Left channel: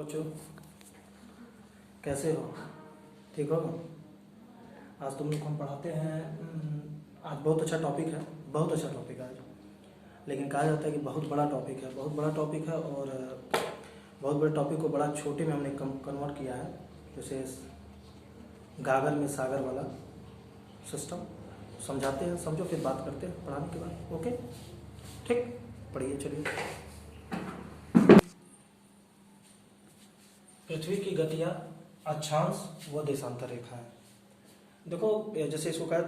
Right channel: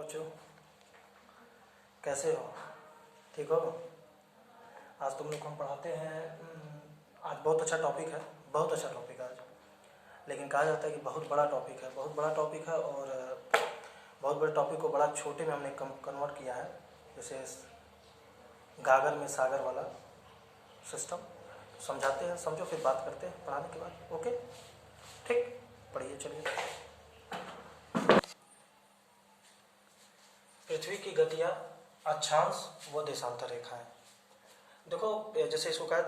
बच्चों कैसे हो? ठीक हो? आज तुम लोग को हम पढ़ाते हैं। आज बहुत अच्छा टॉपिक है, बहुत अच्छा टॉपिक है आज। लेकिन कहा जाता है कि बहुत बड़ा टॉपिक है, बहुत बड़ा टॉपिक है और बहुत बड़े टॉपिक को बड़ा छोटे में हमने कन्वर्ट किया है, जैसे गागर में सागर वाला सिस्टम। तो समझाते हैं, समझो, फिर बात करते हैं पढ़ाने के बाद। ओके, ठीक, पढ़िए। चलिए, पृथ्वी की गतियाँ, अक्षांश व देशांतर रेखाएं। देखो, जैसे इसको कहा,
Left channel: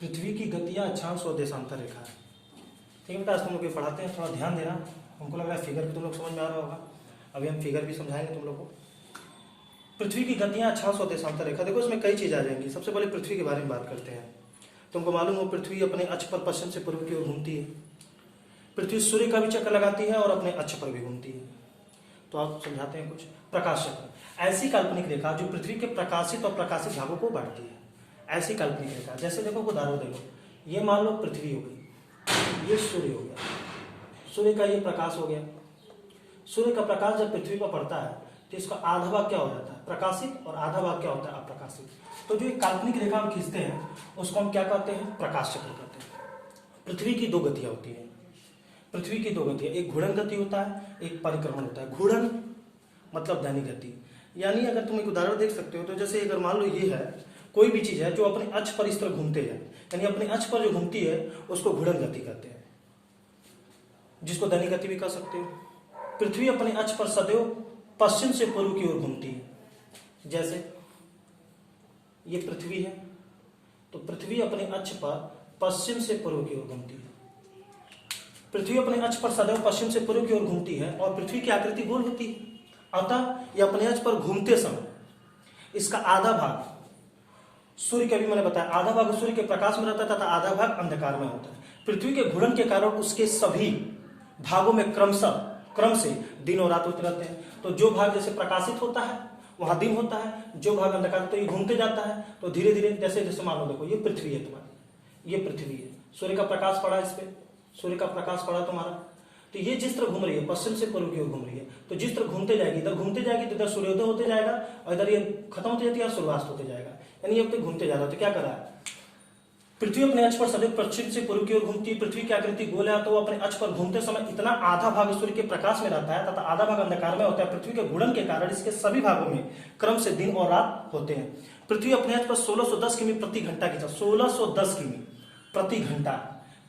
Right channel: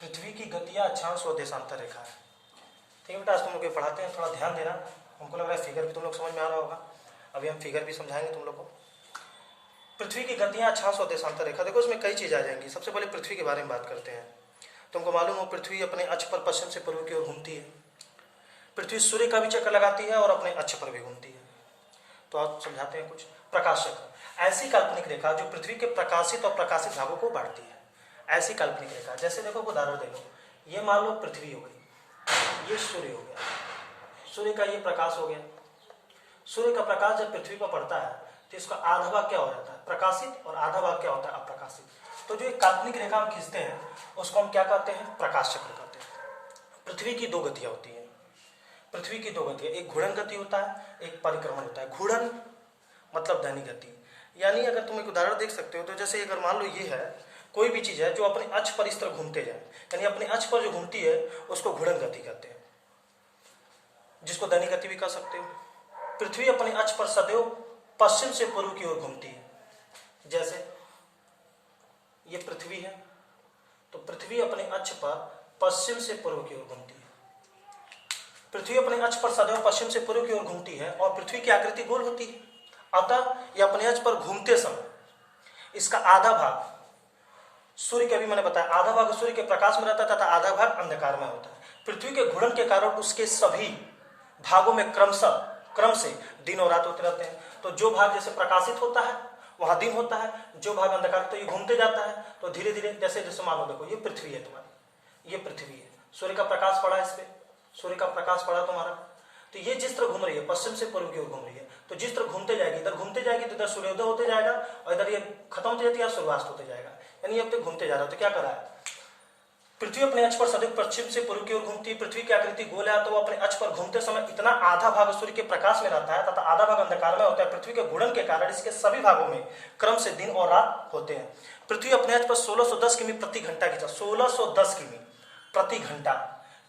पृथ्वी की गतियाँ, अक्षांश व देशांतर रेखाएं। ठीक है बेटा, आज तुम लोग ये पढ़ाते हैं, थोड़ा ध्यान देना। हमको लग रहा है फिगर भी तुम लोग समझ में आ रहा होगा। अभी हम फिगर भी समझाएंगे तुम लोग को। पृथ्वी की गतियाँ, अक्षांश व देशांतर रेखा। देखो, इसमें कई चीज़ आ जाएंगी। सबसे पहले पृथ्वी के बारे में बात करते हैं। तुमको मालूम हो, पृथ्वी अपने अक्ष पर पश्चिम से पूर्व की ओर घूमती है। पृथ्वी सूर्य का भी चक्कर लगाती है और अपने अक्ष पर भी घूमती है। तो आप समझाते हैं कुछ। प्रकाश चक्र, ऐसी काल्पनिक रेखा जो पृथ्वी के प्रकाशित और प्रकाशित भागों को बांटती है। ऐसी काल्पनिक रेखा, जैसे देखो, उदाहरण दे लो। ये मान लो पृथ्वी हो गई, ये सूर्य हो गया, सूर्य का ये प्रकाश हो गया। सूर्य का प्रकाश जब पृथ्वी पर पड़ता है तो इसका आधा भाग क्या हो जाता है? प्रकाशित, और आधा भाग क्या होता है? अप्रकाशित। तो जो एक काल्पनिक रेखा हम खींचते हैं उसको हम क्या कहते हैं? प्रकाश चक्र कहते हैं। पृथ्वी की दो गतियां होती हैं। पृथ्वी की दो गतियां, एक घूर्णन गति होता है, एक परिक्रमण होता है। घूर्णन मतलब दैनिक गति, यानी अगर तुम एक उदाहरण देख सकते हो तो जैसे अगर मान लो ये है, कोई भी चीज है जो अपने अक्ष पर इस तरह घूमते जाए, यानी अपने अक्ष पर जो घूमती है उसको घूर्णन गति कहते हैं, जिसको दैनिक गति भी कह सकते हो। पृथ्वी अपने अक्ष पर सदैव पश्चिम से पूर्व की ओर घूमती है। जैसे ये पृथ्वी है, तो पृथ्वी अपने अक्ष पर पश्चिम से पूर्व की ओर घूमती है। पृथ्वी अपने अक्ष पर सदैव पश्चिम से पूर्व की ओर घूमती है और पृथ्वी की आकृति गोल होती है। अतः यह अपने अक्ष पर घूमते समय इसका आधा भाग सूर्य के, भी मैंने बताया, आधा भाग सूर्य के प्रकाश में रहता है तथा आधा भाग अंधकार में होता है। पृथ्वी के घूर्णन के कारण उसके सभी भागों में क्रम से दिन और रात होते रहते हैं। तो जो भाग जैसे प्रकाशित होता है वहां दिन होता है, जो भाग अंधकार, तो ये घूमते जाता है। तो धीरे धीरे जैसे मान लो, देखो ये पृथ्वी है तुम्हारी, ये पृथ्वी है, सूर्य का प्रकाश पड़ा इस पे, सूर्य का प्रकाश पड़ा तुम्हारा, तो ये जिस तरह घूम रही है पश्चिम से पूर्व की ओर घूम रही है। तो जिस तरह घूमते जाएगी, इधर घूमते जाएगी तो इधर सूर्योदय होते जाएगा और इधर ये खत्म होती जाती है, सूर्यास्त होते जाएगा, यानी अब तक घूमते जा रहा है। तो क्या करा है? पृथ्वी अपने अक्ष पर सदैव पश्चिम से पूर्व की ओर घूमती है। पृथ्वी की आकृति गोल है, तो वो अपने अक्ष पर घूमते समय इतना आधा भाग सूर्य के प्रकाश में रहता है तथा आधा भाग अंधकार में होता है। पृथ्वी के घूर्णन के कारण इसके सभी भागों में क्रम से दिन और रात होते हैं। पृथ्वी अपने अक्ष पर 1610 किमी प्रति घंटा की, 1610 किमी प्रति घंटा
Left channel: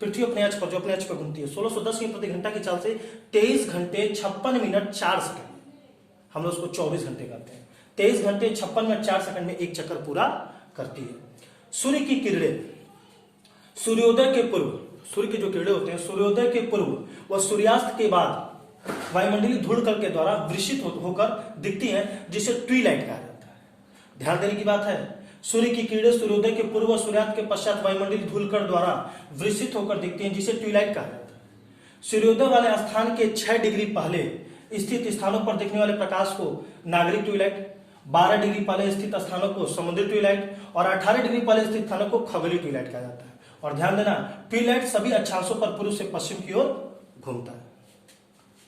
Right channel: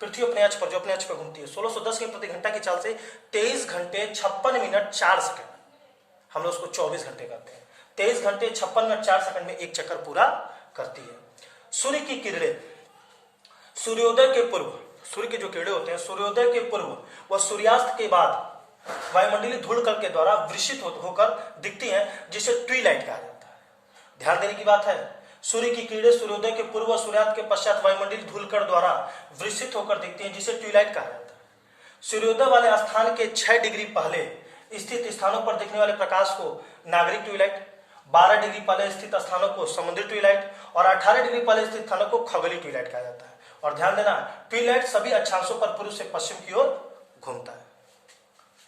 पृथ्वी अपने अक्ष पर, जो अपने अक्ष पर घूमती है, 1610 किमी प्रति घंटा की चाल से 23 घंटे 56 मिनट 4 सेकंड, हम लोग उसको 24 घंटे करते हैं, 23 घंटे 56 मिनट 4 सेकंड में एक चक्कर पूरा करती है। सूर्य की किरणें सूर्योदय के पूर्व, सूर्य की जो किरणें होते हैं सूर्योदय के पूर्व व सूर्यास्त के बाद वायुमंडलीय धूलकण के द्वारा विकसित होकर दिखती हैं, जिसे ट्विलाइट कहा जाता है। ध्यान देने की बात है, सूर्य की किरणें सूर्योदय के पूर्व व सूर्यास्त के पश्चात वायुमंडलीय धूलकण द्वारा विकसित होकर दिखती हैं, जिसे ट्विलाइट कहा जाता है। सूर्योदय वाले स्थान के 6 डिग्री पहले स्थित स्थानों पर दिखने वाले प्रकाश को नागरिक ट्विलाइट, 12 डिग्री पहले स्थित स्थानों को समुद्री ट्विलाइट और 18 डिग्री पहले स्थित स्थानों को खगोलीय ट्विलाइट कहा जाता है। और ध्यान देना, ट्विलाइट सभी अक्षांशों पर पूर्व से पश्चिम की ओर घूमता है।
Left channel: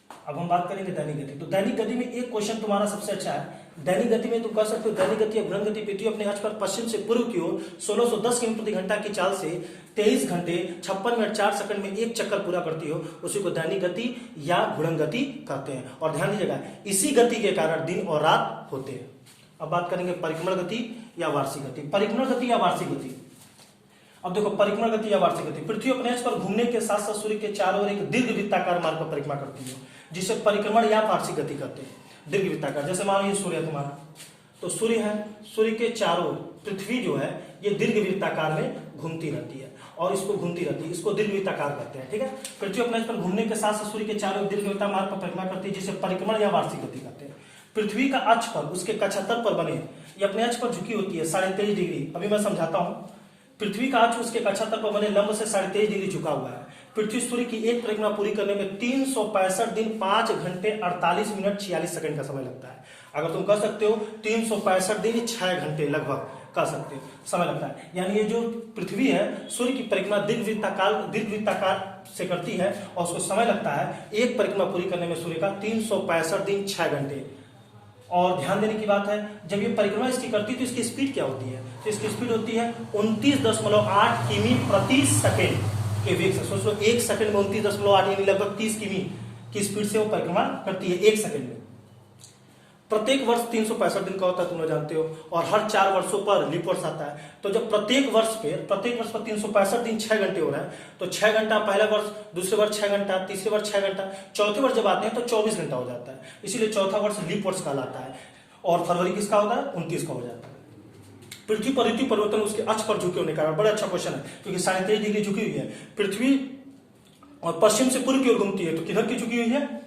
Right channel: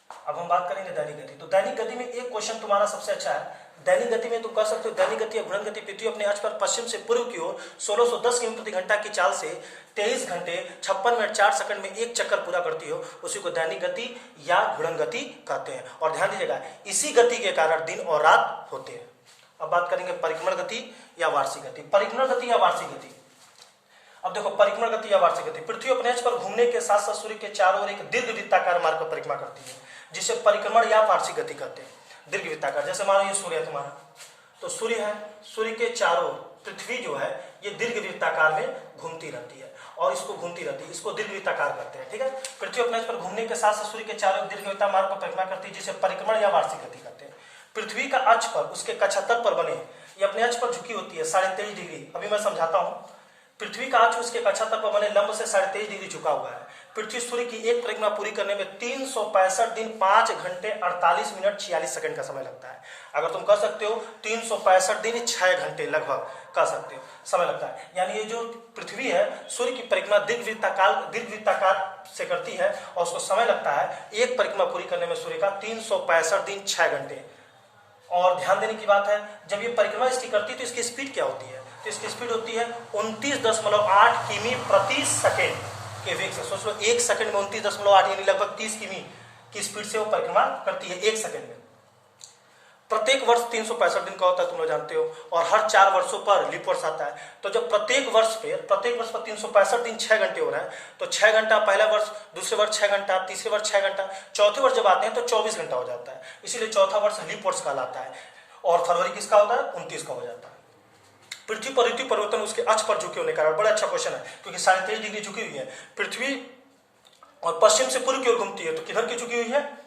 अब हम बात करेंगे दैनिक गति। तो दैनिक गति में एक क्वेश्चन तुम्हारा सबसे अच्छा है। दैनिक गति में तुम कह सकते हो दैनिक गति या घूर्णन गति। पृथ्वी अपने अक्ष पर पश्चिम से पूर्व की ओर 1610 किमी प्रति घंटा की चाल से 23 घंटे 56 मिनट 4 सेकंड में एक चक्कर पूरा करती हो, उसी को दैनिक गति या घूर्णन गति कहते हैं। और ध्यान दीजिएगा, इसी गति के कारण दिन और रात होते हैं। अब बात करेंगे परिक्रमण गति या वार्षिक गति। परिक्रमण गति या वार्षिक गति, अब देखो, परिक्रमण गति या वार्षिक गति, पृथ्वी अपने अक्ष पर घूमने के साथ साथ सूर्य के चारों ओर एक दीर्घ वृत्ताकार मार्ग पर परिक्रमा करती है, जिसे परिक्रमण या वार्षिक गति कहते हैं। दीर्घ वृत्ताकार, जैसे मानो ये सूर्य है तुम्हारा, तो सूर्य है, सूर्य के चारों पृथ्वी जो है ये दीर्घ वृत्ताकार में घूमती रहती है और इसको घूमती रहती है, इसको दीर्घ वृत्ताकार कहते हैं। ठीक है, पृथ्वी अपने अक्ष पर घूमने के साथ साथ सूर्य के चारों दीर्घ वृत्ताकार मार्ग पर परिक्रमा करती है, जिसे परिक्रमण या वार्षिक गति कहते हैं। पृथ्वी का अक्ष पर, उसके कक्षातल पर बने, ये अपने अक्ष पर झुकी होती है 23.5 डिग्री। अभी मैं समझाता हूँ। पृथ्वी का अक्ष उसके कक्षातल पर बने लंब से 23.5 डिग्री झुका हुआ है। पृथ्वी सूर्य की एक परिक्रमा पूरी करने में 365 दिन 5 घंटे 48 मिनट 46 सेकंड का समय लगता है। अगर तुम कर सकते हो 365 दिन 6 घंटे लगभग कह सकते हो, समय लगता है। यानी ये जो पृथ्वी है सूर्य की परिक्रमा दीर्घवृत्ताकार से करती है और उसको समय लगता है एक परिक्रमा पूरी करने में सूर्य का 365 दिन 6 घंटे। और ध्यान देने की बात है, जब ये परिक्रमा इसकी करती है तो इसकी स्पीड क्या होती है? तो इसकी स्पीड होती है 29.8 किमी प्रति सेकेंड के वेग से। सोच लो 1 सेकंड में 29.8 यानी लगभग 30 किमी की स्पीड से वो परिक्रमा करती है 1 सेकंड में। प्रत्येक वर्ष 365 दिन का होता है, तुम लोग जानते हो, और हर 4 वर्षों पर लीप वर्ष आता है। तो जब प्रत्येक वर्ष पर 365 दिन 6 घंटे हो रहा है, तो 6 घंटा पहला वर्ष, दूसरे वर्ष 6 घंटा, तीसरे वर्ष 6 घंटा, चौथे वर्ष जब आते हैं तो 24 घंटा हो जाता है। इसीलिए चौथा वर्ष लीप वर्ष कहलाता है। और फरवरी किसका होता है? 29 का हो जाता है। पृथ्वी पर ऋतु परिवर्तन उसके अक्ष पर झुके होने का कारण, बड़ा अच्छा क्वेश्चन है, क्योंकि 23.5 डिग्री झुकी हुई है पृथ्वी और पश्चिम से पूर्व की ओर घूमती है, तो किधर की झुकी हुई है?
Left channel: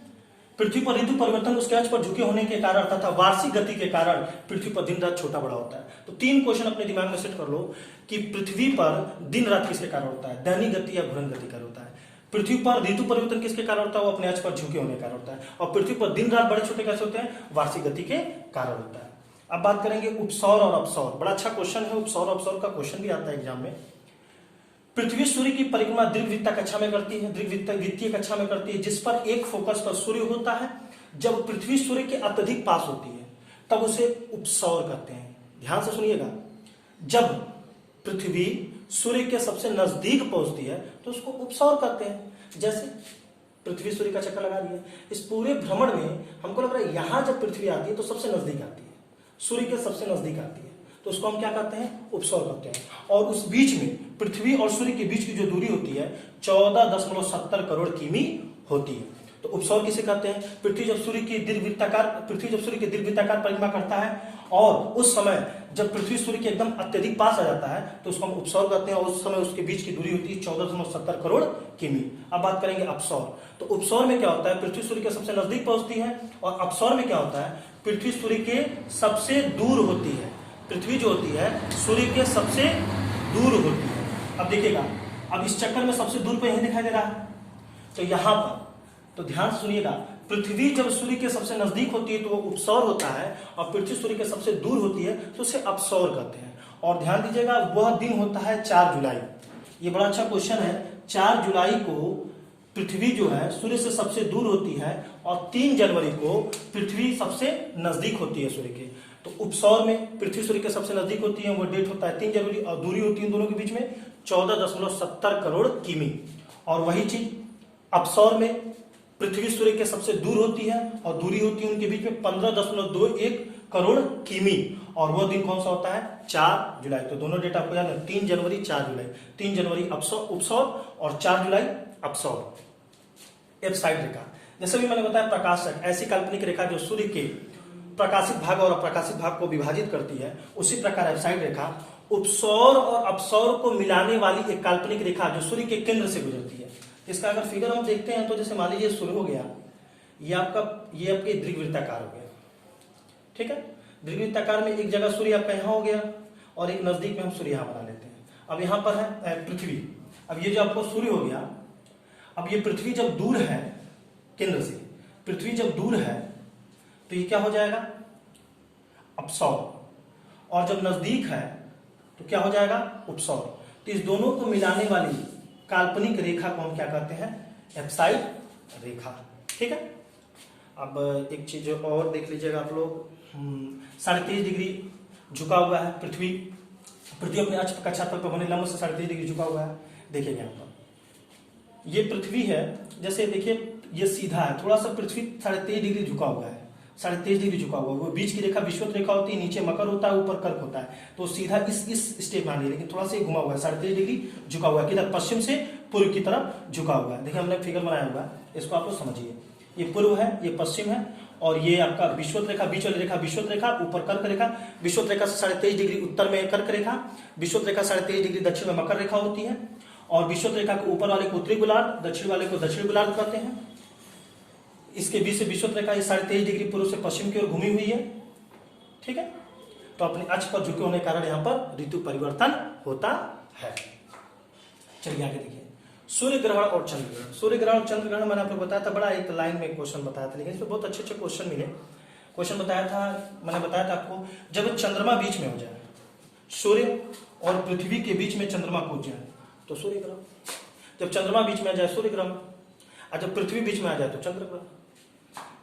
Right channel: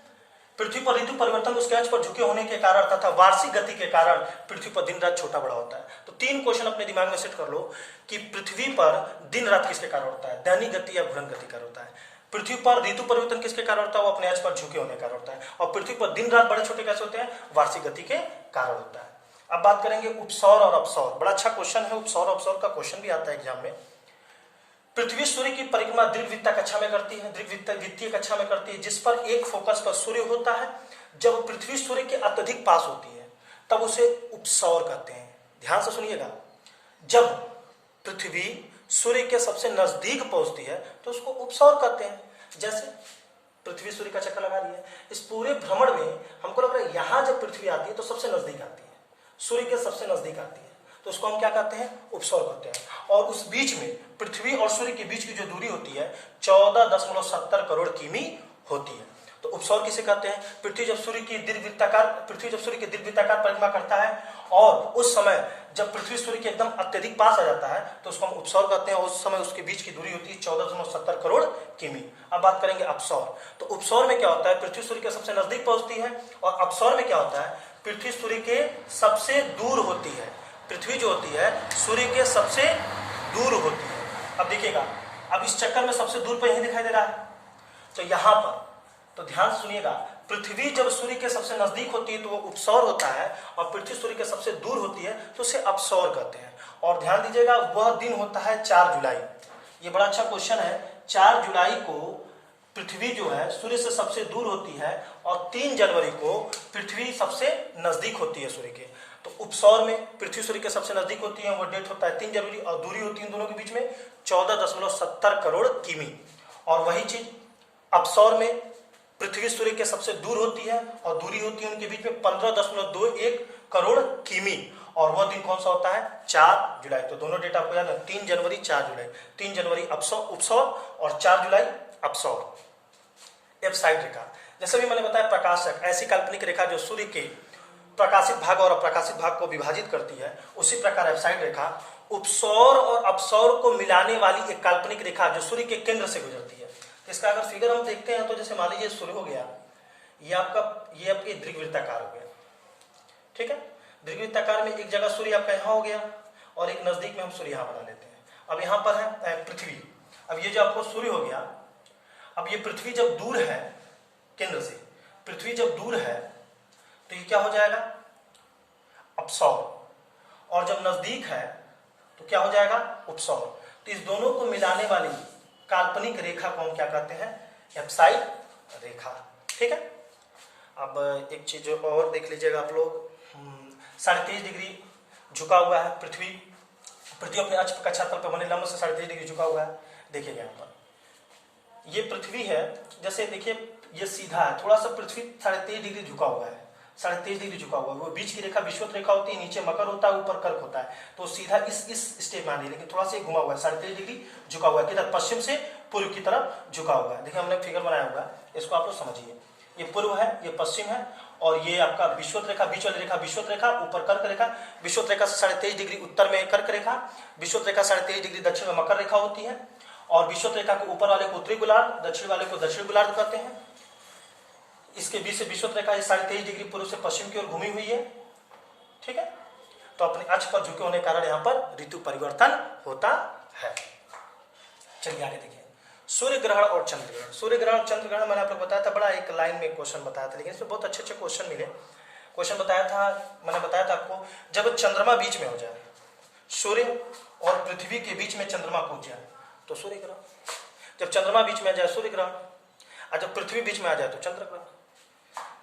पृथ्वी पर ऋतु परिवर्तन उसके अक्ष पर झुके होने के कारण तथा वार्षिक गति के कारण पृथ्वी पर दिन रात छोटा बड़ा होता है। तो 3 क्वेश्चन अपने दिमाग में सेट कर लो कि पृथ्वी पर दिन रात किसके कारण होता है? दैनिक गति या घूर्णन गति कारण होता है। पृथ्वी पर ऋतु परिवर्तन किसके कारण होता है? वो अपने अक्ष पर झुके होने के कारण होता है। और पृथ्वी पर दिन रात बड़े छोटे कैसे होते हैं? वार्षिक गति के कारण होता है। अब बात करेंगे उपसौर और अपसौर। बड़ा अच्छा क्वेश्चन है, उपसौर अपसौर का क्वेश्चन भी आता है एग्जाम में। पृथ्वी सूर्य की परिक्रमा दीर्घवृत्त कक्षा में करती है, दीर्घवृत्तीय कक्षा में करती है, जिस पर एक फोकस पर सूर्य होता है। जब पृथ्वी सूर्य के अत्यधिक पास होती है तब उसे उपसौर कहते हैं। ध्यान से सुनिएगा, जब पृथ्वी सूर्य के सबसे नजदीक पहुंचती है तो उसको उपसौर कहते हैं। जैसे पृथ्वी सूर्य का चक्कर लगा रही है, इस पूरे भ्रमण में हमको लग रहा है यहां जब पृथ्वी आती है तो सबसे नजदीक आती है, सूर्य के सबसे नजदीक आती है, तो उसको हम क्या कहते हैं? उपसौर कहते हैं। और उस बीच में पृथ्वी और सूर्य के बीच की जो दूरी होती है 14.70 करोड़ किमी होती है। तो उपसौर किसे कहते हैं? पृथ्वी जब सूर्य की दीर्घवृत्ताकार परिक्रमा करता है और उस समय जब पृथ्वी सूर्य के एकदम अत्यधिक पास आ जाता है तो उसको हम उपसौर कहते हैं। और उस समय उसके बीच की दूरी होती है 14.70 करोड़ किमी। अब बात करेंगे अपसौर। तो उपसौर में क्या होता है? पृथ्वी सूर्य के सबसे नजदीक पहुंचती है। और अपसौर में क्या होता है? पृथ्वी सूर्य के सबसे दूर होती है। पृथ्वी जो होती है सूर्य के सबसे दूर होती है। अब देखिएगा, अब इस चक्कर में सबसे दूर पर यही दिखाई दे रहा है, तो यहां पर, तो ध्यान से सुनिएगा, पृथ्वी जब सूर्य के सबसे नजदीक होती है तो वो उपसौर होता है, और पृथ्वी सूर्य के सबसे दूर होती है तो उसे अपसौर कहते हैं। और ध्यान दीजिएगा, वह दिन होता है 4 जुलाई। ये बड़ा अच्छा क्वेश्चन है। 4 जुलाई को पृथ्वी जो है सूर्य से सबसे दूर होती है और 3 जनवरी को पृथ्वी सबसे नजदीक होती है सूर्य के। तो उपसौर में पृथ्वी सूर्य के सबसे नजदीक होती है, वो डेट होता है 3 जनवरी, और दूरी होती है दोनों के बीच में 14.70 करोड़ किमी। और वही चीज अपसौर में पृथ्वी सूर्य के सबसे दूर होती है और दूरी होती है उनके बीच में 15.21 करोड़ किमी। और वह दिन कौन सा होता है? 4 जुलाई। तो दोनों डेट आपको याद है, 3 जनवरी 4 जुलाई। 3 जनवरी उपसौर और 4 जुलाई अपसौर। एफसाइड रेखा, जैसे भी मैंने बताया, प्रकाशक ऐसी काल्पनिक रेखा जो सूर्य के प्रकाशित भाग और अप्रकाशित भाग को विभाजित करती है, उसी प्रकार एफसाइड रेखा उपसौर और अपसौर को मिलाने वाली एक काल्पनिक रेखा जो सूर्य के केंद्र से गुजरती है। इसका अगर फिगर हम देखते हैं तो जैसे मान लीजिए सूर्य हो गया, ये आपके दीर्घवृत्ताकार हो गया, ठीक है। दीर्घवृत्ताकार में एक जगह सूर्य आपका यहाँ हो गया और एक नजदीक में हम सूर्य यहाँ बना लेते हैं। अब यहाँ पर है पृथ्वी। अब ये जो आपको सूर्य हो गया, अब ये पृथ्वी जब दूर है केंद्र से, पृथ्वी जब दूर है तो ये क्या हो जाएगा? अपसौर। और जब नजदीक है तो क्या हो जाएगा? उपसौर। तो इस दोनों को मिलाने वाली काल्पनिक रेखा को हम क्या कहते हैं? एफसाइड रेखा, ठीक है। अब एक चीज और देख लीजिएगा आप लोग, 23.5 डिग्री झुका हुआ है पृथ्वी अपने अक्ष कक्षातल पर बने लंब से 23.5 डिग्री झुका हुआ है। देखिएगा यहाँ पर ये पृथ्वी है, जैसे देखिए ये सीधा है, थोड़ा सा पृथ्वी 23.5 डिग्री झुका हुआ है, 23.5 डिग्री झुका हुआ है। वो बीच की रेखा विषुवत रेखा होती है, नीचे मकर होता है, ऊपर कर्क होता है, तो सीधा इस स्टेप में आनी, लेकिन थोड़ा सा घुमा हुआ है, 23.5 डिग्री झुका हुआ है, किधर? पश्चिम से पूर्व की तरफ झुका हुआ है। देखिए हमने फिगर बनाया हुआ है, इसको आप लोग समझिए। ये पूर्व है, ये पश्चिम है, और ये आपका विषुवत रेखा, बीच वाली रेखा विषुवत रेखा, ऊपर कर्क रेखा। विषुवत रेखा से 23.5 डिग्री उत्तर में कर्क रेखा, विषुवत रेखा 23.5 डिग्री दक्षिण में मकर रेखा होती है, और विषुवत रेखा के ऊपर वाले को उत्तरी गोलार्ध, दक्षिण वाले को दक्षिण गोलार्ध कहते हैं। इसके बीच से विषुवत रेखा 23.5 डिग्री पूर्व से पश्चिम की ओर घूमी हुई है, ठीक है। तो अपने अक्ष पर झुके होने के कारण यहाँ पर ऋतु परिवर्तन होता है। चलिए आगे देखिए, सूर्य ग्रहण और चंद्र ग्रहण। सूर्य ग्रहण और चंद्र ग्रहण मैंने आपको बताया था, बड़ा एक लाइन में क्वेश्चन बताया था, लेकिन इसमें बहुत अच्छे क्वेश्चन मिले। क्वेश्चन बताया था, मैंने बताया था आपको, जब चंद्रमा बीच में हो जाए, सूर्य और पृथ्वी के बीच में चंद्रमा कूद जाए तो सूर्य ग्रहण, जब चंद्रमा बीच में आ जाए सूर्य ग्रहण, और जब पृथ्वी बीच में आ जाए तो चंद्र ग्रहण,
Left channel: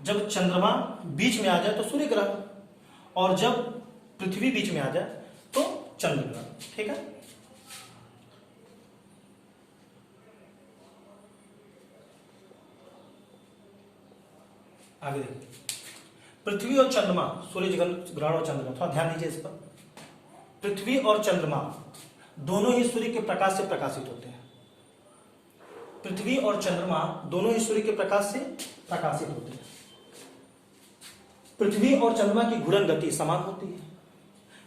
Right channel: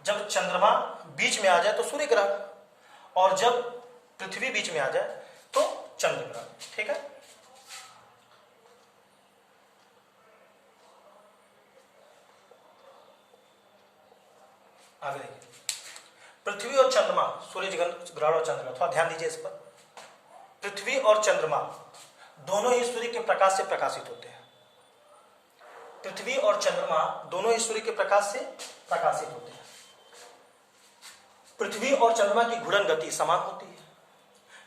जब चंद्रमा बीच में आ जाए तो सूर्य ग्रहण, और जब पृथ्वी बीच में आ जाए तो चंद्र ग्रहण। ठीक है, आगे देखिए, पृथ्वी और चंद्रमा, सूर्य ग्रहण और चंद्र ग्रहण, थोड़ा ध्यान दीजिए इस पर। पृथ्वी और चंद्रमा दोनों ही सूर्य के प्रकाश से प्रकाशित होते हैं। पृथ्वी और चंद्रमा दोनों ही सूर्य के प्रकाश से प्रकाशित होते हैं। पृथ्वी और चंद्रमा की घूर्णन गति समान होती है,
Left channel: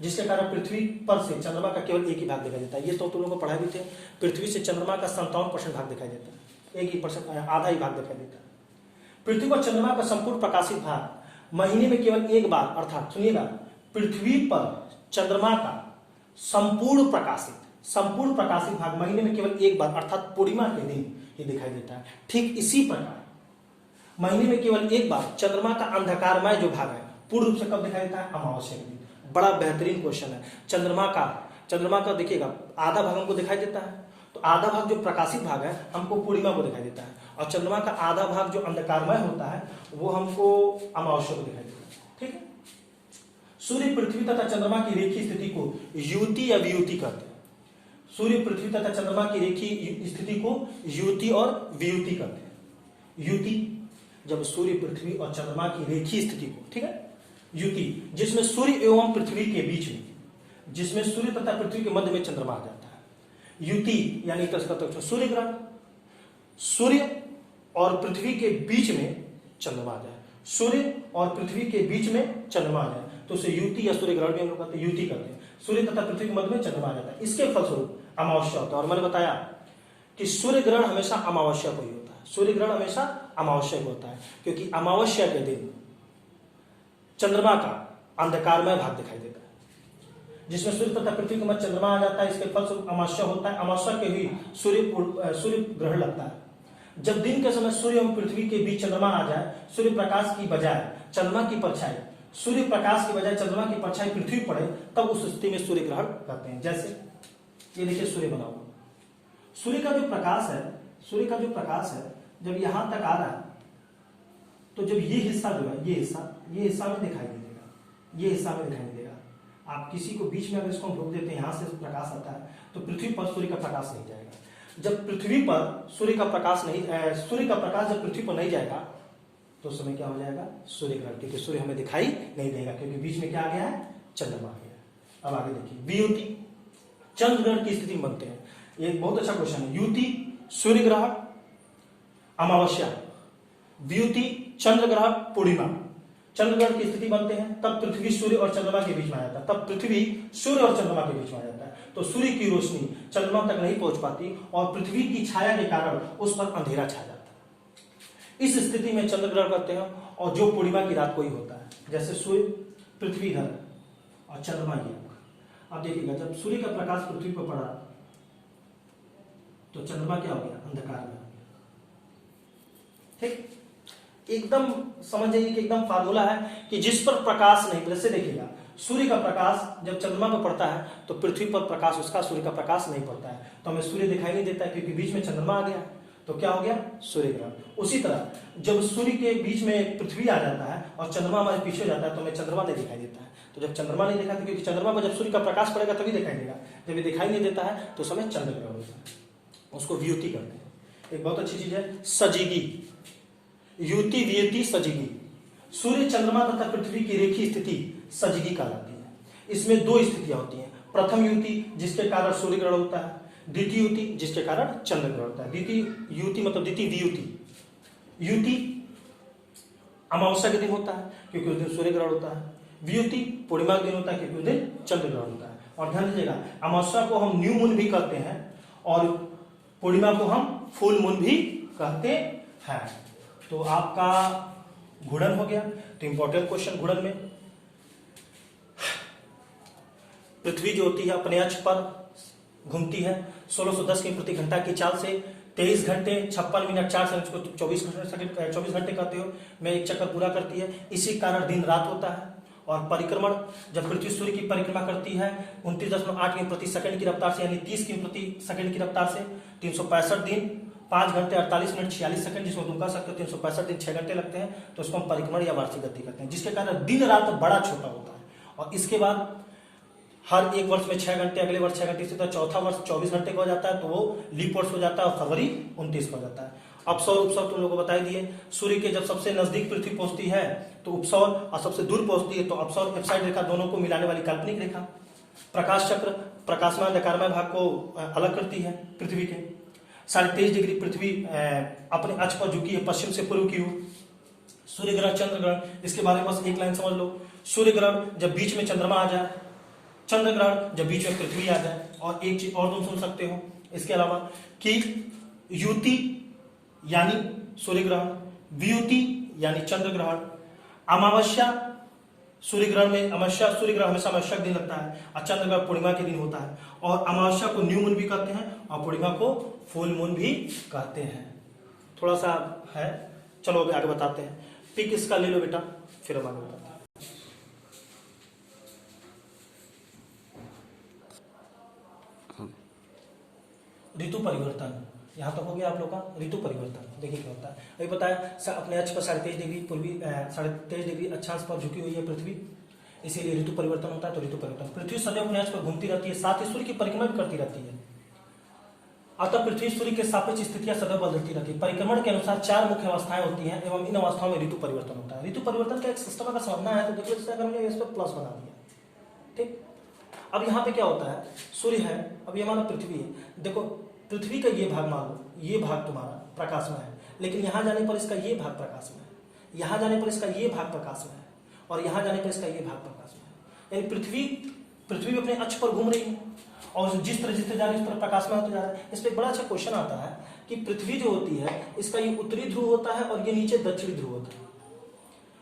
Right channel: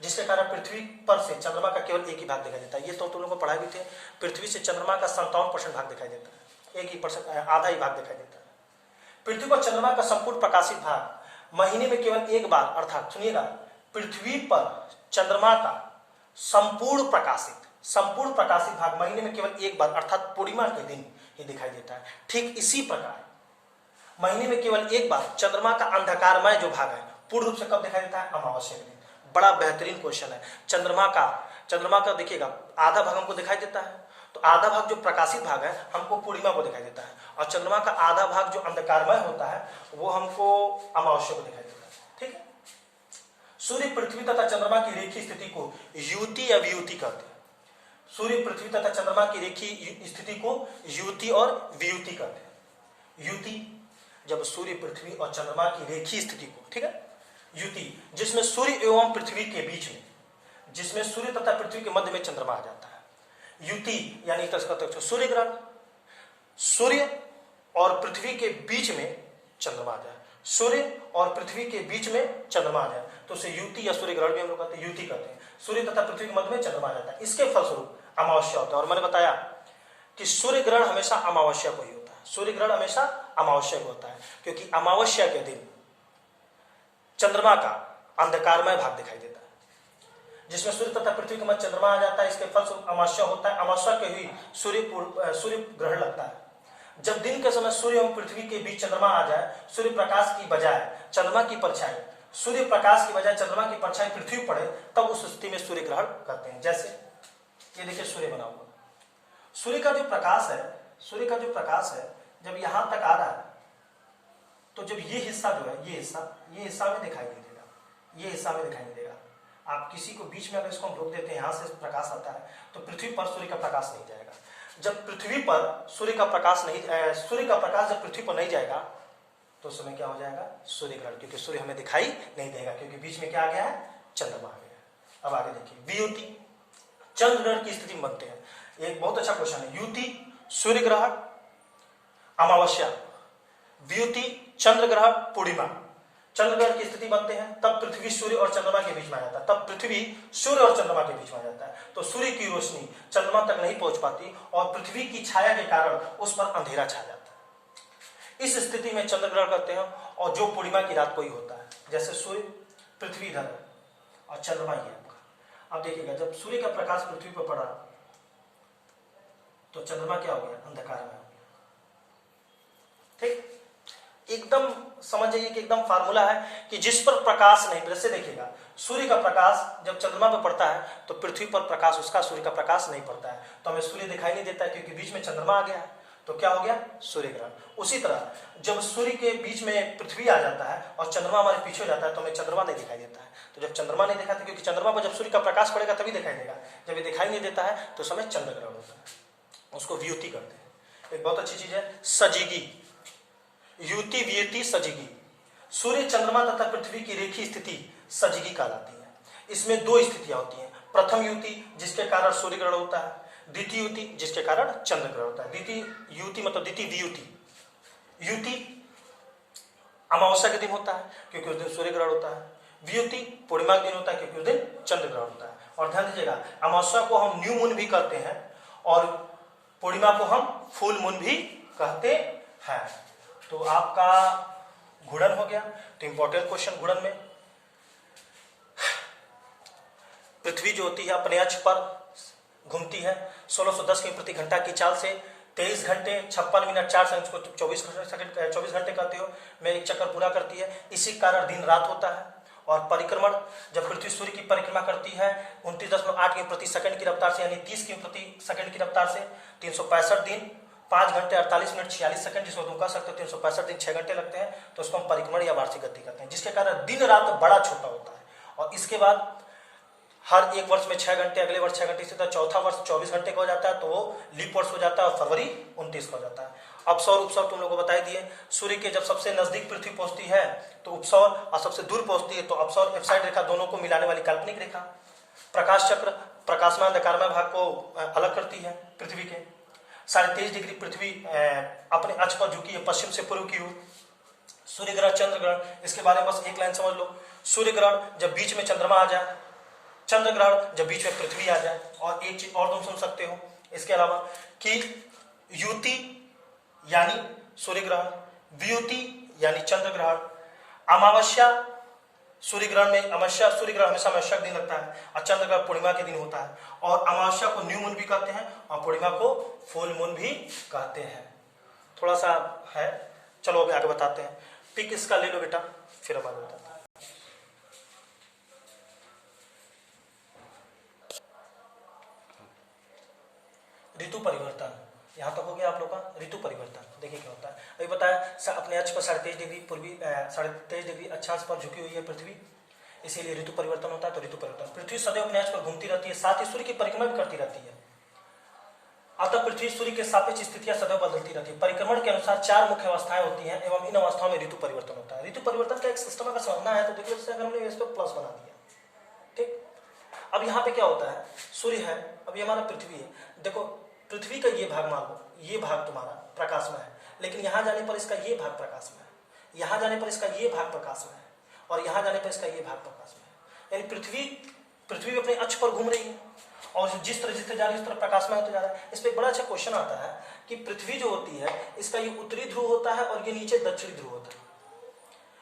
जिसके कारण पृथ्वी पर से चंद्रमा का केवल एक ही भाग दिखाई देता है। ये तो तुम लोगों को पढ़ाए भी थे, पृथ्वी से चंद्रमा का 57% भाग दिखाई देता है, एक ही परसेंट, आधा ही भाग दिखाई देता है। पृथ्वी पर चंद्रमा का संपूर्ण प्रकाशित भाग महीने में केवल एक बार, अर्थात सुनिएगा, पृथ्वी पर चंद्रमा का संपूर्ण प्रकाशित भाग महीने में केवल एक बार, अर्थात पूर्णिमा के दिन ही दिखाई देता है। ठीक इसी प्रकार महीने में केवल एक बार चंद्रमा का अंधकारमय जो भाग है पूर्ण रूप से कब दिखाई देता है? अमावस्या के दिन। बड़ा बेहतरीन क्वेश्चन है। चंद्रमा का देखिएगा आधा भाग हमको दिखाई देता है, तो आधा भाग जो प्रकाशित भाग है हमको पूर्णिमा को दिखाई देता है, और चंद्रमा का आधा भाग जो अंधकारमय होता है वो हमको अमावस्या को दिखाई देता है। ठीक है, सूर्य पृथ्वी तथा चंद्रमा की रेखीय स्थिति को युति या वियुति कहते हैं। सूर्य पृथ्वी तथा चंद्रमा की रेखीय स्थिति को युति और वियुति कहते हैं। युति जब सूर्य पृथ्वी और चंद्रमा की रेखीय स्थिति को, ठीक है, युति जिसमें सूर्य एवं पृथ्वी के बीच में, जिसमें सूर्य तथा पृथ्वी के मध्य में चंद्रमा आ जाता है। युति यानी सूर्य ग्रहण, सूर्य और पृथ्वी के बीच में चंद्रमा आ जाए, सूर्य और पृथ्वी के बीच में चंद्रमा आ जाए तो उसे युति या सूर्य ग्रहण भी हम लोग कहते हैं, युति कहते हैं। सूर्य तथा पृथ्वी के मध्य में चंद्रमा आ जाता है, इसके फलस्वरूप अमावस्या होता है। और मैंने बताया कि सूर्य ग्रहण हमेशा अमावस्या को ही होता है, सूर्य ग्रहण हमेशा अमावस्या को होता है, क्योंकि अमावस्या के दिन चंद्रमा का अंधकारमय भाग दिखाई देता है, जिसमें सूर्य तथा पृथ्वी के मध्य चंद्रमा आ जाता है। इसके फलस्वरूप अमावस्या होता है। अमावस्या के ही सूर्य ग्रहण लगता है। जब दिन के समय सूर्य एवं पृथ्वी के बीच चंद्रमा आ जाए, सूर्य प्रकाश की बजाय चंद्रमा की परछाई, सूर्य प्रकाश की बजाय चंद्रमा की परछाई पृथ्वी पड़े, तब उस स्थिति में सूर्य ग्रहण करते हैं। जैसे ये देखिए सूर्य बना हुआ, सूर्य का जो प्रकाश है जब यहां तक आ रहा है तो जब ये हिस्सा जो है, ये हिस्सा में दिखाई नहीं देगा, ये हिस्सा में दिखाई नहीं देगा। आप किसी को बीच में अगर इसको हम रोक देते हैं, यहां से प्रकाश आता है तो पृथ्वी पर सूर्य का प्रकाश नहीं जाएगा। जब पृथ्वी पर सूर्य का प्रकाश जब पृथ्वी पर नहीं जाएगा तो उस समय क्या हो जाएगा? सूर्य ग्रहण, क्योंकि सूर्य हमें दिखाई नहीं देगा, क्योंकि बीच में क्या आ गया है? चंद्रमा आ गया है। अब आगे देखिए, वियुति चंद्र ग्रहण की स्थिति में बनते हैं। ये एक बहुत अच्छा क्वेश्चन है। युति सूर्य ग्रहण अमावस्या, वियुति चंद्र ग्रहण पूर्णिमा। चंद्र ग्रहण की स्थिति बनते हैं तब पृथ्वी सूर्य और चंद्रमा के बीच में आ जाता है, तब पृथ्वी सूर्य और चंद्रमा के बीच में आ जाता है, तो सूर्य की रोशनी चंद्रमा तक नहीं पहुंच पाती और पृथ्वी की छाया के कारण उस पर अंधेरा छा जाता है। इस स्थिति में चंद्र ग्रहण करते हैं, और जो पूर्णिमा की रात को ही होता है। जैसे सूर्य पृथ्वी इधर और चंद्रमा ये आपका। अब देखिएगा, जब सूर्य का प्रकाश पृथ्वी पर पड़ा तो चंद्रमा क्या हो गया? अंधकार में हो गया। ठीक, एकदम समझ जाइए कि एकदम फार्मूला है कि जिस पर प्रकाश नहीं, जैसे देखिएगा सूर्य का प्रकाश जब चंद्रमा पर पड़ता है तो पृथ्वी पर प्रकाश उसका सूर्य का प्रकाश नहीं पड़ता है, तो हमें सूर्य दिखाई नहीं देता है, क्योंकि बीच में चंद्रमा आ गया है। तो क्या हो गया? सूर्य ग्रहण। उसी तरह जब सूर्य के बीच में पृथ्वी आ जाता है और चंद्रमा हमारे पीछे हो जाता है तो हमें चंद्रमा नहीं दिखाई देता है। तो जब चंद्रमा नहीं दिखाई देता, क्योंकि चंद्रमा पर जब सूर्य का प्रकाश पड़ेगा तभी दिखाई देगा, जब ये दिखाई नहीं देता है तो समय चंद्र ग्रहण होता है, उसको वियुति करते हैं। एक बहुत अच्छी चीज है सजिगी, युति वियुति सजिगी। सूर्य चंद्रमा तथा पृथ्वी की रेखीय स्थिति सजिगी कहलाती है। इसमें दो स्थितियां होती हैं। प्रथम युति जिसके कारण सूर्य ग्रहण होता है, द्वितीय युति जिसके कारण चंद्र ग्रहण होता है। द्वितीय युति मतलब द्वितीय वियुति। युति अमावस्या के दिन होता है क्योंकि उस दिन सूर्य ग्रहण होता है, वियुति पूर्णिमा के दिन होता है क्योंकि उस दिन चंद्र ग्रहण होता है। और ध्यान दीजिएगा, अमावस्या को हम न्यू मून भी कहते हैं और पूर्णिमा को हम फुल मून भी कहते हैं। तो आपका घूर्णन हो गया। तो इंपॉर्टेंट क्वेश्चन घूर्णन में, पृथ्वी जो होती है अपने अक्ष पर घूमती है 1610 किमी प्रति घंटा की चाल से 23 घंटे 56 मिनट 4 सेकंड को 24 घंटे कहते हो, में एक चक्कर पूरा करती है। इसी कारण दिन रात होता है और परिक्रमण, जब पृथ्वी सूर्य की परिक्रमा करती है 29.8 किमी प्रति सेकंड की रफ्तार से, यानी 30 किमी प्रति सेकंड की रफ्तार से, 365 दिन 5 घंटे 48 मिनट 46 सेकंड, जिसमें तुम कह सकते हो 365 दिन 6 घंटे लगते हैं, तो उसको हम परिक्रमण या वार्षिक गति कहते हैं, जिसके कारण दिन रात बड़ा छोटा होता है। और इसके बाद हर एक वर्ष में 6 घंटे, अगले वर्ष 6 घंटे, इसी तरह चौथा वर्ष 24 घंटे का हो जाता है, तो वो लीप वर्ष हो जाता है, और फरवरी 29 का हो जाता है। अपसौर उपसौर तुम लोगों को बताई दिए, सूर्य के जब सबसे नजदीक पृथ्वी पहुंचती है तो उपसौर, और सबसे दूर पहुंचती है तो अपसौर, एफसाइड रेखा, दोनों को मिलाने वाली काल्पनिक रेखा। प्रकाश चक्र प्रकाशमान अंधकारमय भाग को अलग करती है पृथ्वी के। 23.5 डिग्री पृथ्वी अपने अक्ष पर झुकी है पश्चिम से पूर्व की ओर। सूर्य ग्रहण, चंद्र ग्रहण, इसके बारे में बस एक लाइन समझ लो। सूर्य ग्रहण जब बीच में चंद्रमा आ जाए, चंद्र ग्रहण जब बीच में पृथ्वी आ जाए। और एक चीज और तुम सुन सकते हो इसके अलावा कि युति यानी सूर्य ग्रहण, वियुति यानी चंद्र ग्रहण, अमावस्या सूर्य ग्रहण में, अमावस्या सूर्य ग्रहण हमेशा अमावस्या का दिन लगता है, और चंद्र ग्रहण पूर्णिमा के दिन होता है। और अमावस्या को न्यू मून भी कहते हैं और पूर्णिमा को फुल मून भी कहते हैं। थोड़ा सा है, चलो अभी आगे बताते हैं। पिक इसका ले लो बेटा, फिर हम आगे बताते हैं। ऋतु परिवर्तन, यहाँ तक हो गया आप लोग का। ऋतु परिवर्तन देखिए क्या होता है। अभी बताया अपने अक्ष पर 23.5 डिग्री पूर्वी 23.5 डिग्री अक्षांश पर झुकी हुई है पृथ्वी, इसीलिए ऋतु परिवर्तन होता है। तो ऋतु परिवर्तन, पृथ्वी सदैव अपने अक्ष पर घूमती रहती है, साथ ही सूर्य की परिक्रमा भी करती रहती है। अतः पृथ्वी सूर्य के सापेक्ष स्थितियां सदैव बदलती रहती है। परिक्रमण के अनुसार 4 मुख्य अवस्थाएं होती हैं एवं इन अवस्थाओं में ऋतु परिवर्तन होता है। ऋतु परिवर्तन का एक सिस्टम अगर समझना है तो देखो, जैसे अगर हमने इस पर प्लस बना दिया, ठीक। अब यहाँ पे क्या होता है, सूर्य है, अब ये हमारा पृथ्वी है। देखो पृथ्वी का ये भाग मान लो, ये भाग तुम्हारा प्रकाश में है, लेकिन यहाँ जाने पर इसका ये भाग प्रकाश में है, यहाँ जाने पर इसका ये भाग प्रकाश में है, और यहाँ जाने पर इसका ये भाग प्रकाश में है। यानी पृथ्वी अपने अक्ष पर घूम रही है, और जिस तरह जिस तरह जा रही है उस तरह प्रकाश में होते जा रहा है। इस पर एक बड़ा अच्छा क्वेश्चन आता है कि पृथ्वी जो होती है इसका ये उत्तरी ध्रुव होता है और ये नीचे दक्षिणी ध्रुव होता है।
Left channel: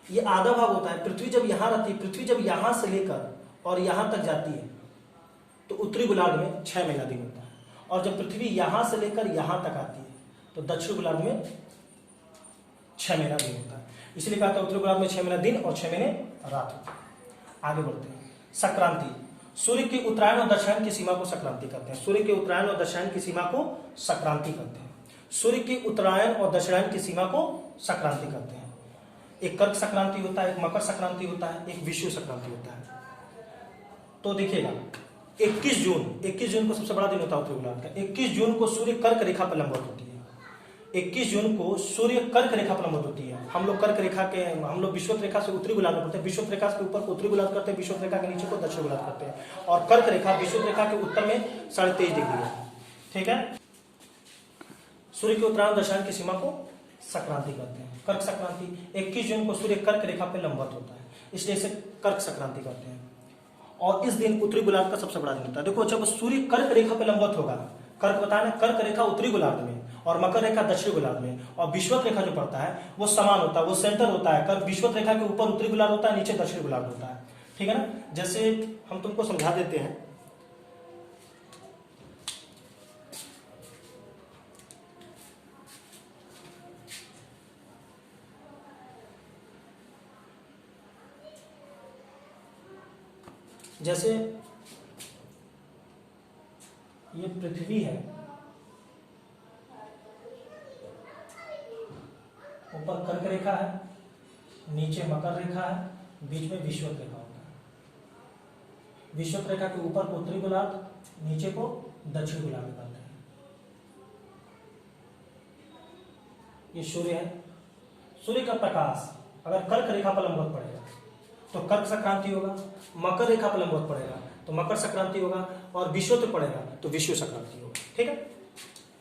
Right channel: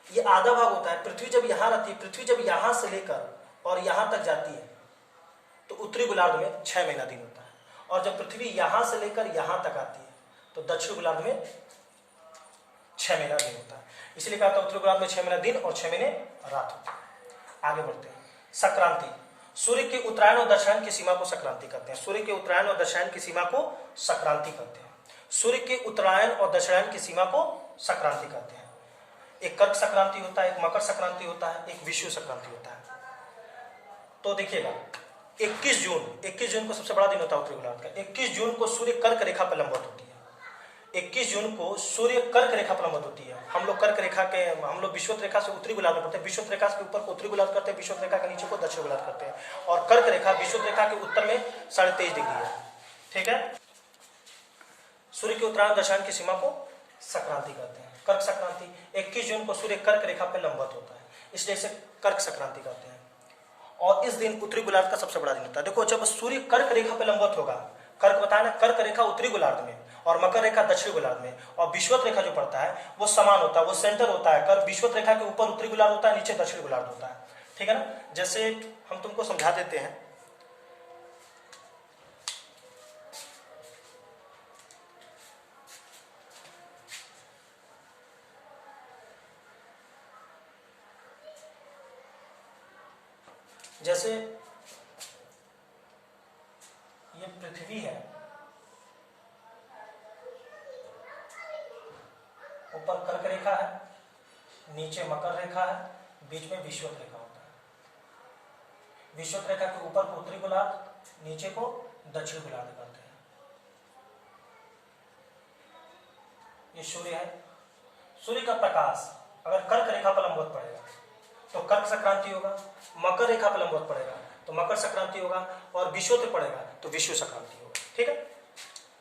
ये आधा भाग होता है। पृथ्वी जब यहाँ रहती है, पृथ्वी जब यहाँ से लेकर और यहाँ तक जाती है तो उत्तरी गोलार्ध में 6 महीना दिन होता है, और जब पृथ्वी यहां से लेकर यहां तक आती है तो दक्षिण गोलार्ध में 6 महीना दिन होता है। इसलिए कहा था उत्तरी गोलार्ध में 6 महीना दिन और 6 महीने रात होती है। आगे बढ़ते हैं। संक्रांति, सूर्य के उत्तरायण और दक्षिणायन की सीमा को संक्रांति कहते हैं। सूर्य के उत्तरायण और दक्षिणायन की सीमा को संक्रांति कहते हैं। सूर्य के उत्तरायण और दक्षिणायन की सीमा को संक्रांति कहते हैं। एक कर्क संक्रांति होता है, एक मकर संक्रांति होता है, एक विषुव संक्रांति होता है। तो देखिएगा 21 जून को सबसे बड़ा दिन होता है उत्तरी गोलार्ध का। 21 जून को सूर्य कर्क रेखा पर लंबवत होती है। 21 जून को सूर्य कर्क रेखा पर लंबवत होती है। हम लोग कर्क रेखा के, हम लोग विषुवत रेखा से उत्तरी गोलार्ध में पढ़ते हैं। विषुवत रेखा के ऊपर को उत्तरी गोलार्ध करते हैं, विषुवत रेखा के नीचे को दक्षिण गोलार्ध करते हैं। और कर्क रेखा विषुवत रेखा के उत्तर में 23.5 डिग्री है, ठीक है। सूर्य के उत्तरायण दक्षिणायन की सीमा को संक्रांति कहते हैं, कर्क संक्रांति। 21 जून को सूर्य कर्क रेखा पर लंबवत होता है, इसलिए इसे कर्क संक्रांति कहते हैं। और इस दिन उत्तरी गोलार्ध का सबसे बड़ा दिन होता है। देखो जब सूर्य कर्क रेखा पे लंबवत होगा, कर्क बताया ना, कर्क रेखा उत्तरी गोलार्ध में और मकर रेखा दक्षिणी गोलार्ध में, और विषुवत रेखा जो पड़ता है वो समान होता है, वो सेंटर होता है। कर्क विषुवत रेखा के ऊपर उत्तरी गोलार्ध होता है, नीचे दक्षिणी गोलार्ध होता है, ठीक है ना। जैसे हम तुमको समझा देते हैं, जैसे ये पृथ्वी है, ऊपर कर्क रेखा है, नीचे मकर रेखा है, बीच में विषुवत रेखा होता है। विषुवत रेखा के ऊपर को उत्तरी गोलार्ध, नीचे को दक्षिण गोलार्ध कहते हैं। ये सूर्य है। सूर्य का प्रकाश अगर कर्क रेखा पर लंबवत पड़ेगा तो कर्क संक्रांति होगा, मकर रेखा पर लंबवत पड़ेगा तो मकर संक्रांति होगा, और विषुवत पड़ेगा तो विषुव संक्रांति होगा, ठीक है।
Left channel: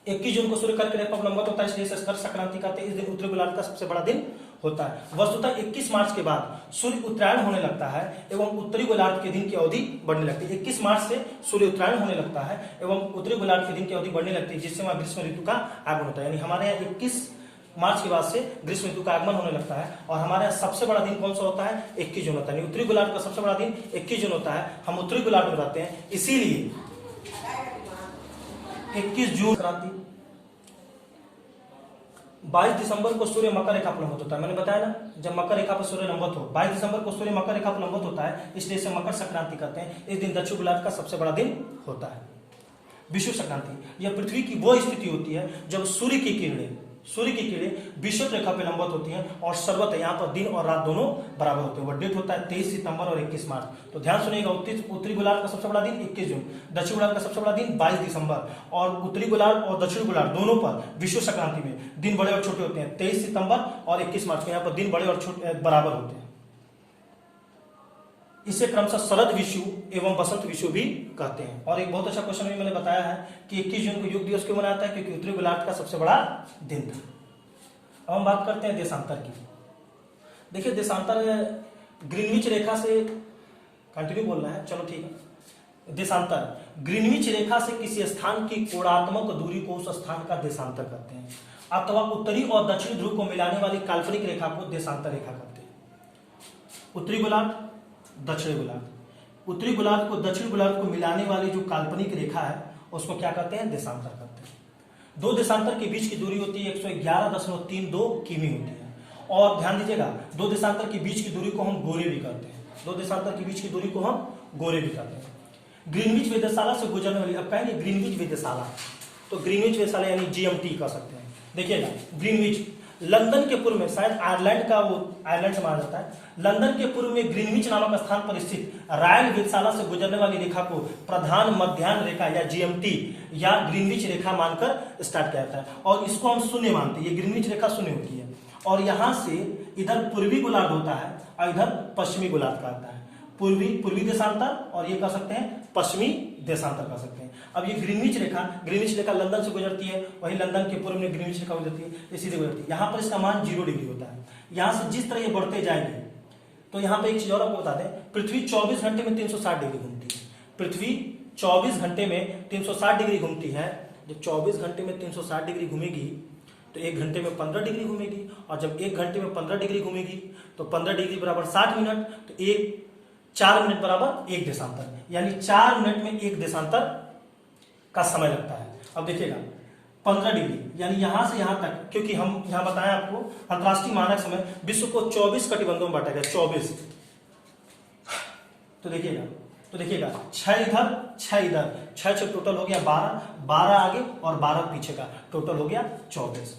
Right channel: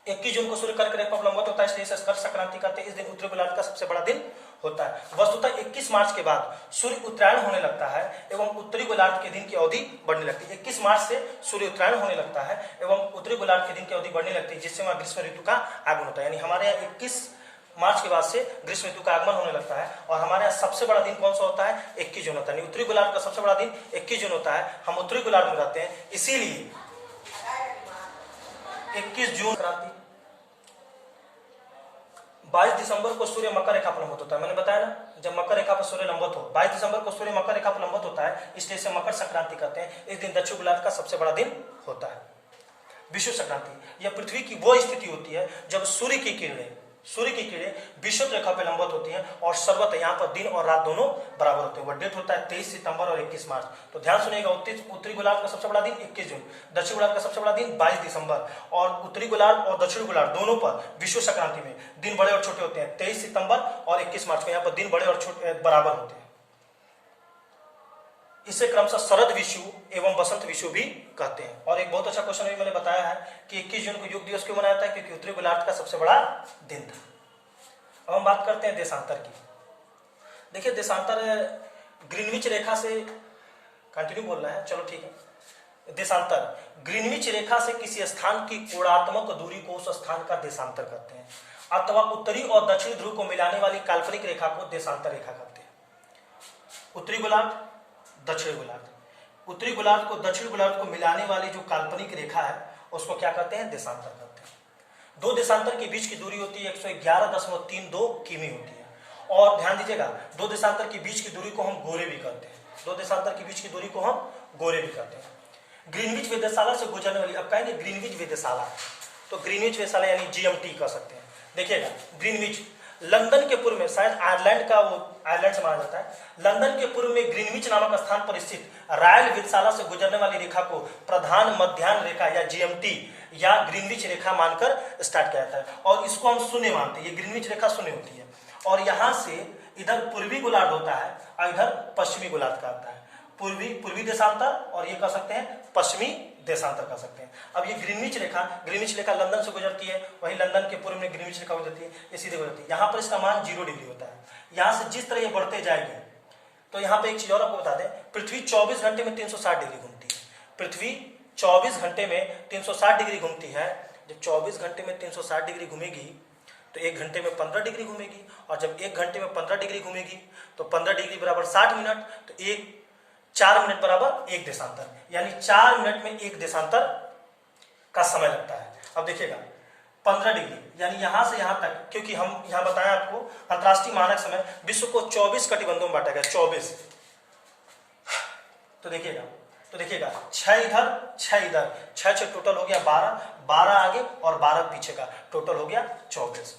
21 जून को सूर्य कर्क रेखा पर लंबवत होता है, इसलिए कर्क संक्रांति कहते हैं। इस दिन उत्तरी गोलार्ध का सबसे बड़ा दिन होता है। वस्तुतः 21 मार्च के बाद सूर्य उत्तरायण होने लगता है एवं उत्तरी गोलार्ध के दिन की अवधि बढ़ने लगती है। 21 मार्च से सूर्य उत्तरायण होने लगता है एवं उत्तरी गोलार्ध के दिन की अवधि बढ़ने लगती है, जिससे वहां ग्रीष्म ऋतु का आगमन होता है। यानी हमारे यहाँ 21 मार्च के बाद से ग्रीष्म ऋतु का आगमन होने लगता है। और हमारे यहाँ सबसे बड़ा दिन कौन सा होता है? 21 जून होता है। उत्तरी गोलार्ध का सबसे बड़ा दिन 21 जून होता है। हम उत्तरी गोलार्ध में रहते हैं, इसीलिए 21 जून क्रांति। 22 दिसंबर को सूर्य मकर रेखा पर लंबवत होता है। मैंने बताया ना, जब मकर रेखा पर सूर्य लंबवत हो, 22 दिसंबर को सूर्य मकर रेखा पर लंबवत होता है, इसलिए इसे मकर संक्रांति कहते हैं। इस दिन दक्षिण गोलार्ध का सबसे बड़ा दिन होता है विषुव संक्रांति। यह पृथ्वी की वो स्थिति होती है जब सूर्य की किरणें विषुव रेखा पर लंबवत होती हैं और सर्वत्र यहाँ पर दिन और रात दोनों बराबर होते हैं। वह डेट होता है 23 सितंबर और 21 मार्च। तो ध्यान सुनिएगा, उत्तरी गोलार्ध का सबसे बड़ा दिन 21 जून, दक्षिण गोलार्ध का सबसे बड़ा दिन 22 दिसंबर, और उत्तरी गोलार्ध और दक्षिण गोलार्ध दोनों पर विषुव संक्रांति में दिन बड़े और छोटे होते हैं। 23 सितंबर और 21 मार्च को यहाँ पर दिन बड़े और छोटे बराबर होते हैं। इसे क्रमशः शरद विषु एवं बसंत विषु भी कहते हैं। और एक बहुत अच्छा क्वेश्चन भी मैंने बताया है कि 21 जून को योग दिवस क्यों मनाया जाता है, क्योंकि उत्तरी गोलार्ध का सबसे बड़ा दिन था। अब हम बात करते हैं देशांतर की। देखिए देशांतर ग्रीनविच रेखा से कंटिन्यू बोलना है, चलो ठीक है। देशांतर ग्रीनविच रेखा से किसी स्थान की कोणात्मक दूरी को उस स्थान का देशांतर कहते हैं, अथवा उत्तरी और दक्षिणी ध्रुव को मिलाने वाली काल्पनिक रेखा को देशांतर रेखा कहते हैं। उत्तरी गोलार्ध दक्षिण गोलार्ध, उत्तरी गोलार्ध को दक्षिण गोलार्ध को मिलाने वाली जो काल्पनिक रेखा है उसको क्या कहते हैं, देशांतर कहते हैं। दो देशांतर के बीच की दूरी होती है 111.32 किमी होती है। और ध्यान दीजिएगा, दो देशांतर के बीच की दूरी को हम गोरे भी कहते हैं। दो देशांतर के बीच की दूरी को हम गोरे भी कहते हैं। ग्रीनविच वेधशाला से गुजरने वाली, अब कहेंगे ग्रीनविच वेधशाला, तो ग्रीनविच वेधशाला यानी GMT कह सकते हैं। देखिएगा ग्रीनविच लंदन के पूर्व में, शायद आयरलैंड का, वो आयरलैंड से माना जाता है। लंदन के पूर्व में ग्रीनविच नामक स्थान पर स्थित रॉयल वेधशाला से गुजरने वाली रेखा को प्रधान मध्याह्न रेखा या GMT या ग्रीनविच रेखा मानकर स्टार्ट किया जाता है। और इसको हम शून्य मानते हैं, ये ग्रीनविच रेखा शून्य होती है। और यहां से इधर पूर्वी गोलार्ध होता है और इधर पश्चिमी गोलार्ध का आता है। पूर्वी देशांतर और ये कह सकते हैं पश्चिमी देशांतर कह सकते हैं। अब ये ग्रीनविच रेखा लंदन से गुजरती है, वही लंदन के पूर्व में ग्रीनविच रेखा गुजरती है, ये सीधे गुजरती है। यहाँ पर इसका मान 0 डिग्री होता है। यहाँ से जिस तरह ये बढ़ते जाएगी, तो यहाँ पे एक चीज और आपको बता दें, पृथ्वी 24 घंटे में 360 डिग्री घूमती है। पृथ्वी 24 घंटे में 360 डिग्री घूमती है। जब 24 घंटे में 360 डिग्री घूमेगी तो 1 घंटे में 15 डिग्री घूमेगी, और जब 1 घंटे में 15 डिग्री घूमेगी तो 15 डिग्री बराबर 60 मिनट, तो 4 मिनट बराबर 1 देशांतर, यानी 4 मिनट में 1 देशांतर का समय लगता है। अब देखिएगा 15 डिग्री यानी यहां से यहां तक, क्योंकि हम यहां बताया आपको अंतरराष्ट्रीय मानक समय विश्व को 24 कटिबंधों में बांटा गया, 24। तो देखिएगा 6 इधर 6 इधर, 6 टोटल हो गया 12 आगे और 12 पीछे का, टोटल हो गया 24।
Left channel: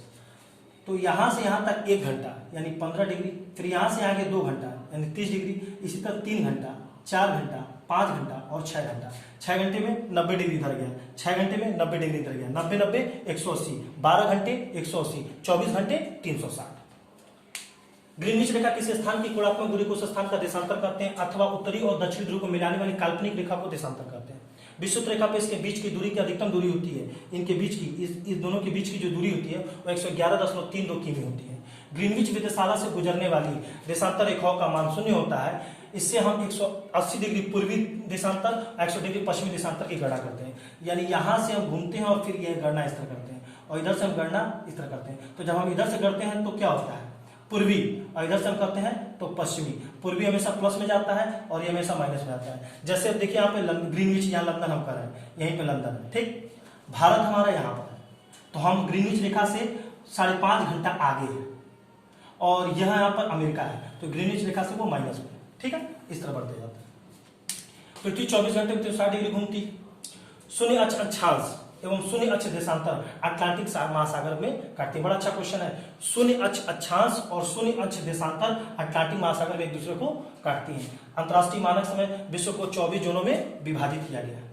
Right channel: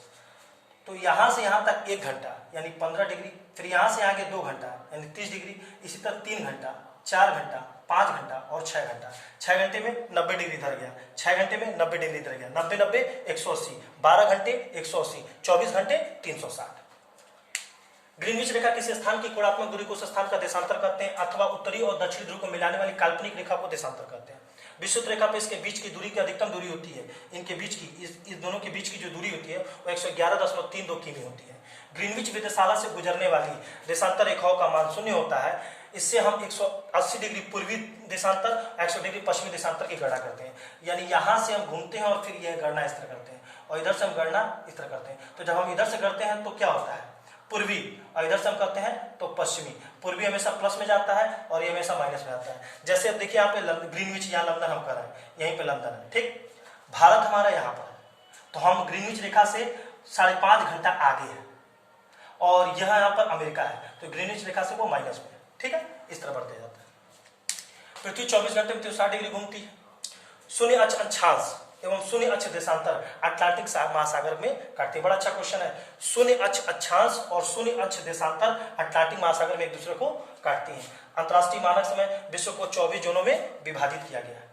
तो यहां से यहां तक 1 घंटा यानी 15 डिग्री, फिर यहां से आगे 2 घंटा यानी 30 डिग्री, इसी तरह 3 घंटा, 4 घंटा, 5 घंटा और 6 घंटा। 6 घंटे में 90 डिग्री धर गया, 6 घंटे में 90 डिग्री धर गया, 90 180, 12 घंटे 180, 24 घंटे 360। ग्रीनविच रेखा किसी स्थान की कोणात्मक दूरी को उस स्थान का देशांतर कहते हैं, अथवा उत्तरी और दक्षिणी ध्रुव को मिलाने वाली काल्पनिक रेखा को देशांतर कहते हैं। विषुवत रेखा पे इसके बीच की दूरी की अधिकतम दूरी होती है, इनके बीच की, इस दोनों के बीच की जो दूरी होती है वो 111.32 किमी होती है। ग्रीनविच वेधशाला से गुजरने वाली देशांतर रेखाओं का मान 0 होता है। इससे हम 180 डिग्री पूर्वी देशांतर, 180 डिग्री पश्चिमी देशांतर की गणना करते हैं। यानी यहां से हम घूमते हैं और फिर यह गणना इस तरह करते हैं, और इधर से हम गणना इस तरह करते हैं। तो जब हम इधर से करते हैं तो क्या होता है, पूर्वी, और इधर से हम करते हैं तो पश्चिमी। पूर्वी हमेशा प्लस में जाता है और ये हमेशा माइनस में जाता है। जैसे अब देखिए यहाँ पे ग्रीनविच, यहाँ लंदन हम कर रहे हैं, यहीं पे लंदन है, ठीक। भारत हमारा यहाँ पर है, तो हम ग्रीनविच रेखा से 5.5 घंटा आगे है, और यहाँ पर अमेरिका है, तो ग्रीनविच रेखा से वो माइनस में है, ठीक है। इस तरह बढ़ते जाता है। पृथ्वी 24 घंटे में 360 डिग्री घूमती है। शून्य अक्षांश एवं शून्य अक्ष देशांतर अटलांटिक महासागर में काटती है। बड़ा अच्छा क्वेश्चन है। शून्य अक्षांश और शून्य अक्ष देशांतर अटलांटिक महासागर में एक दूसरे को काटती हैं। अंतरराष्ट्रीय मानक समय विश्व को 24 जोनों में विभाजित किया गया है।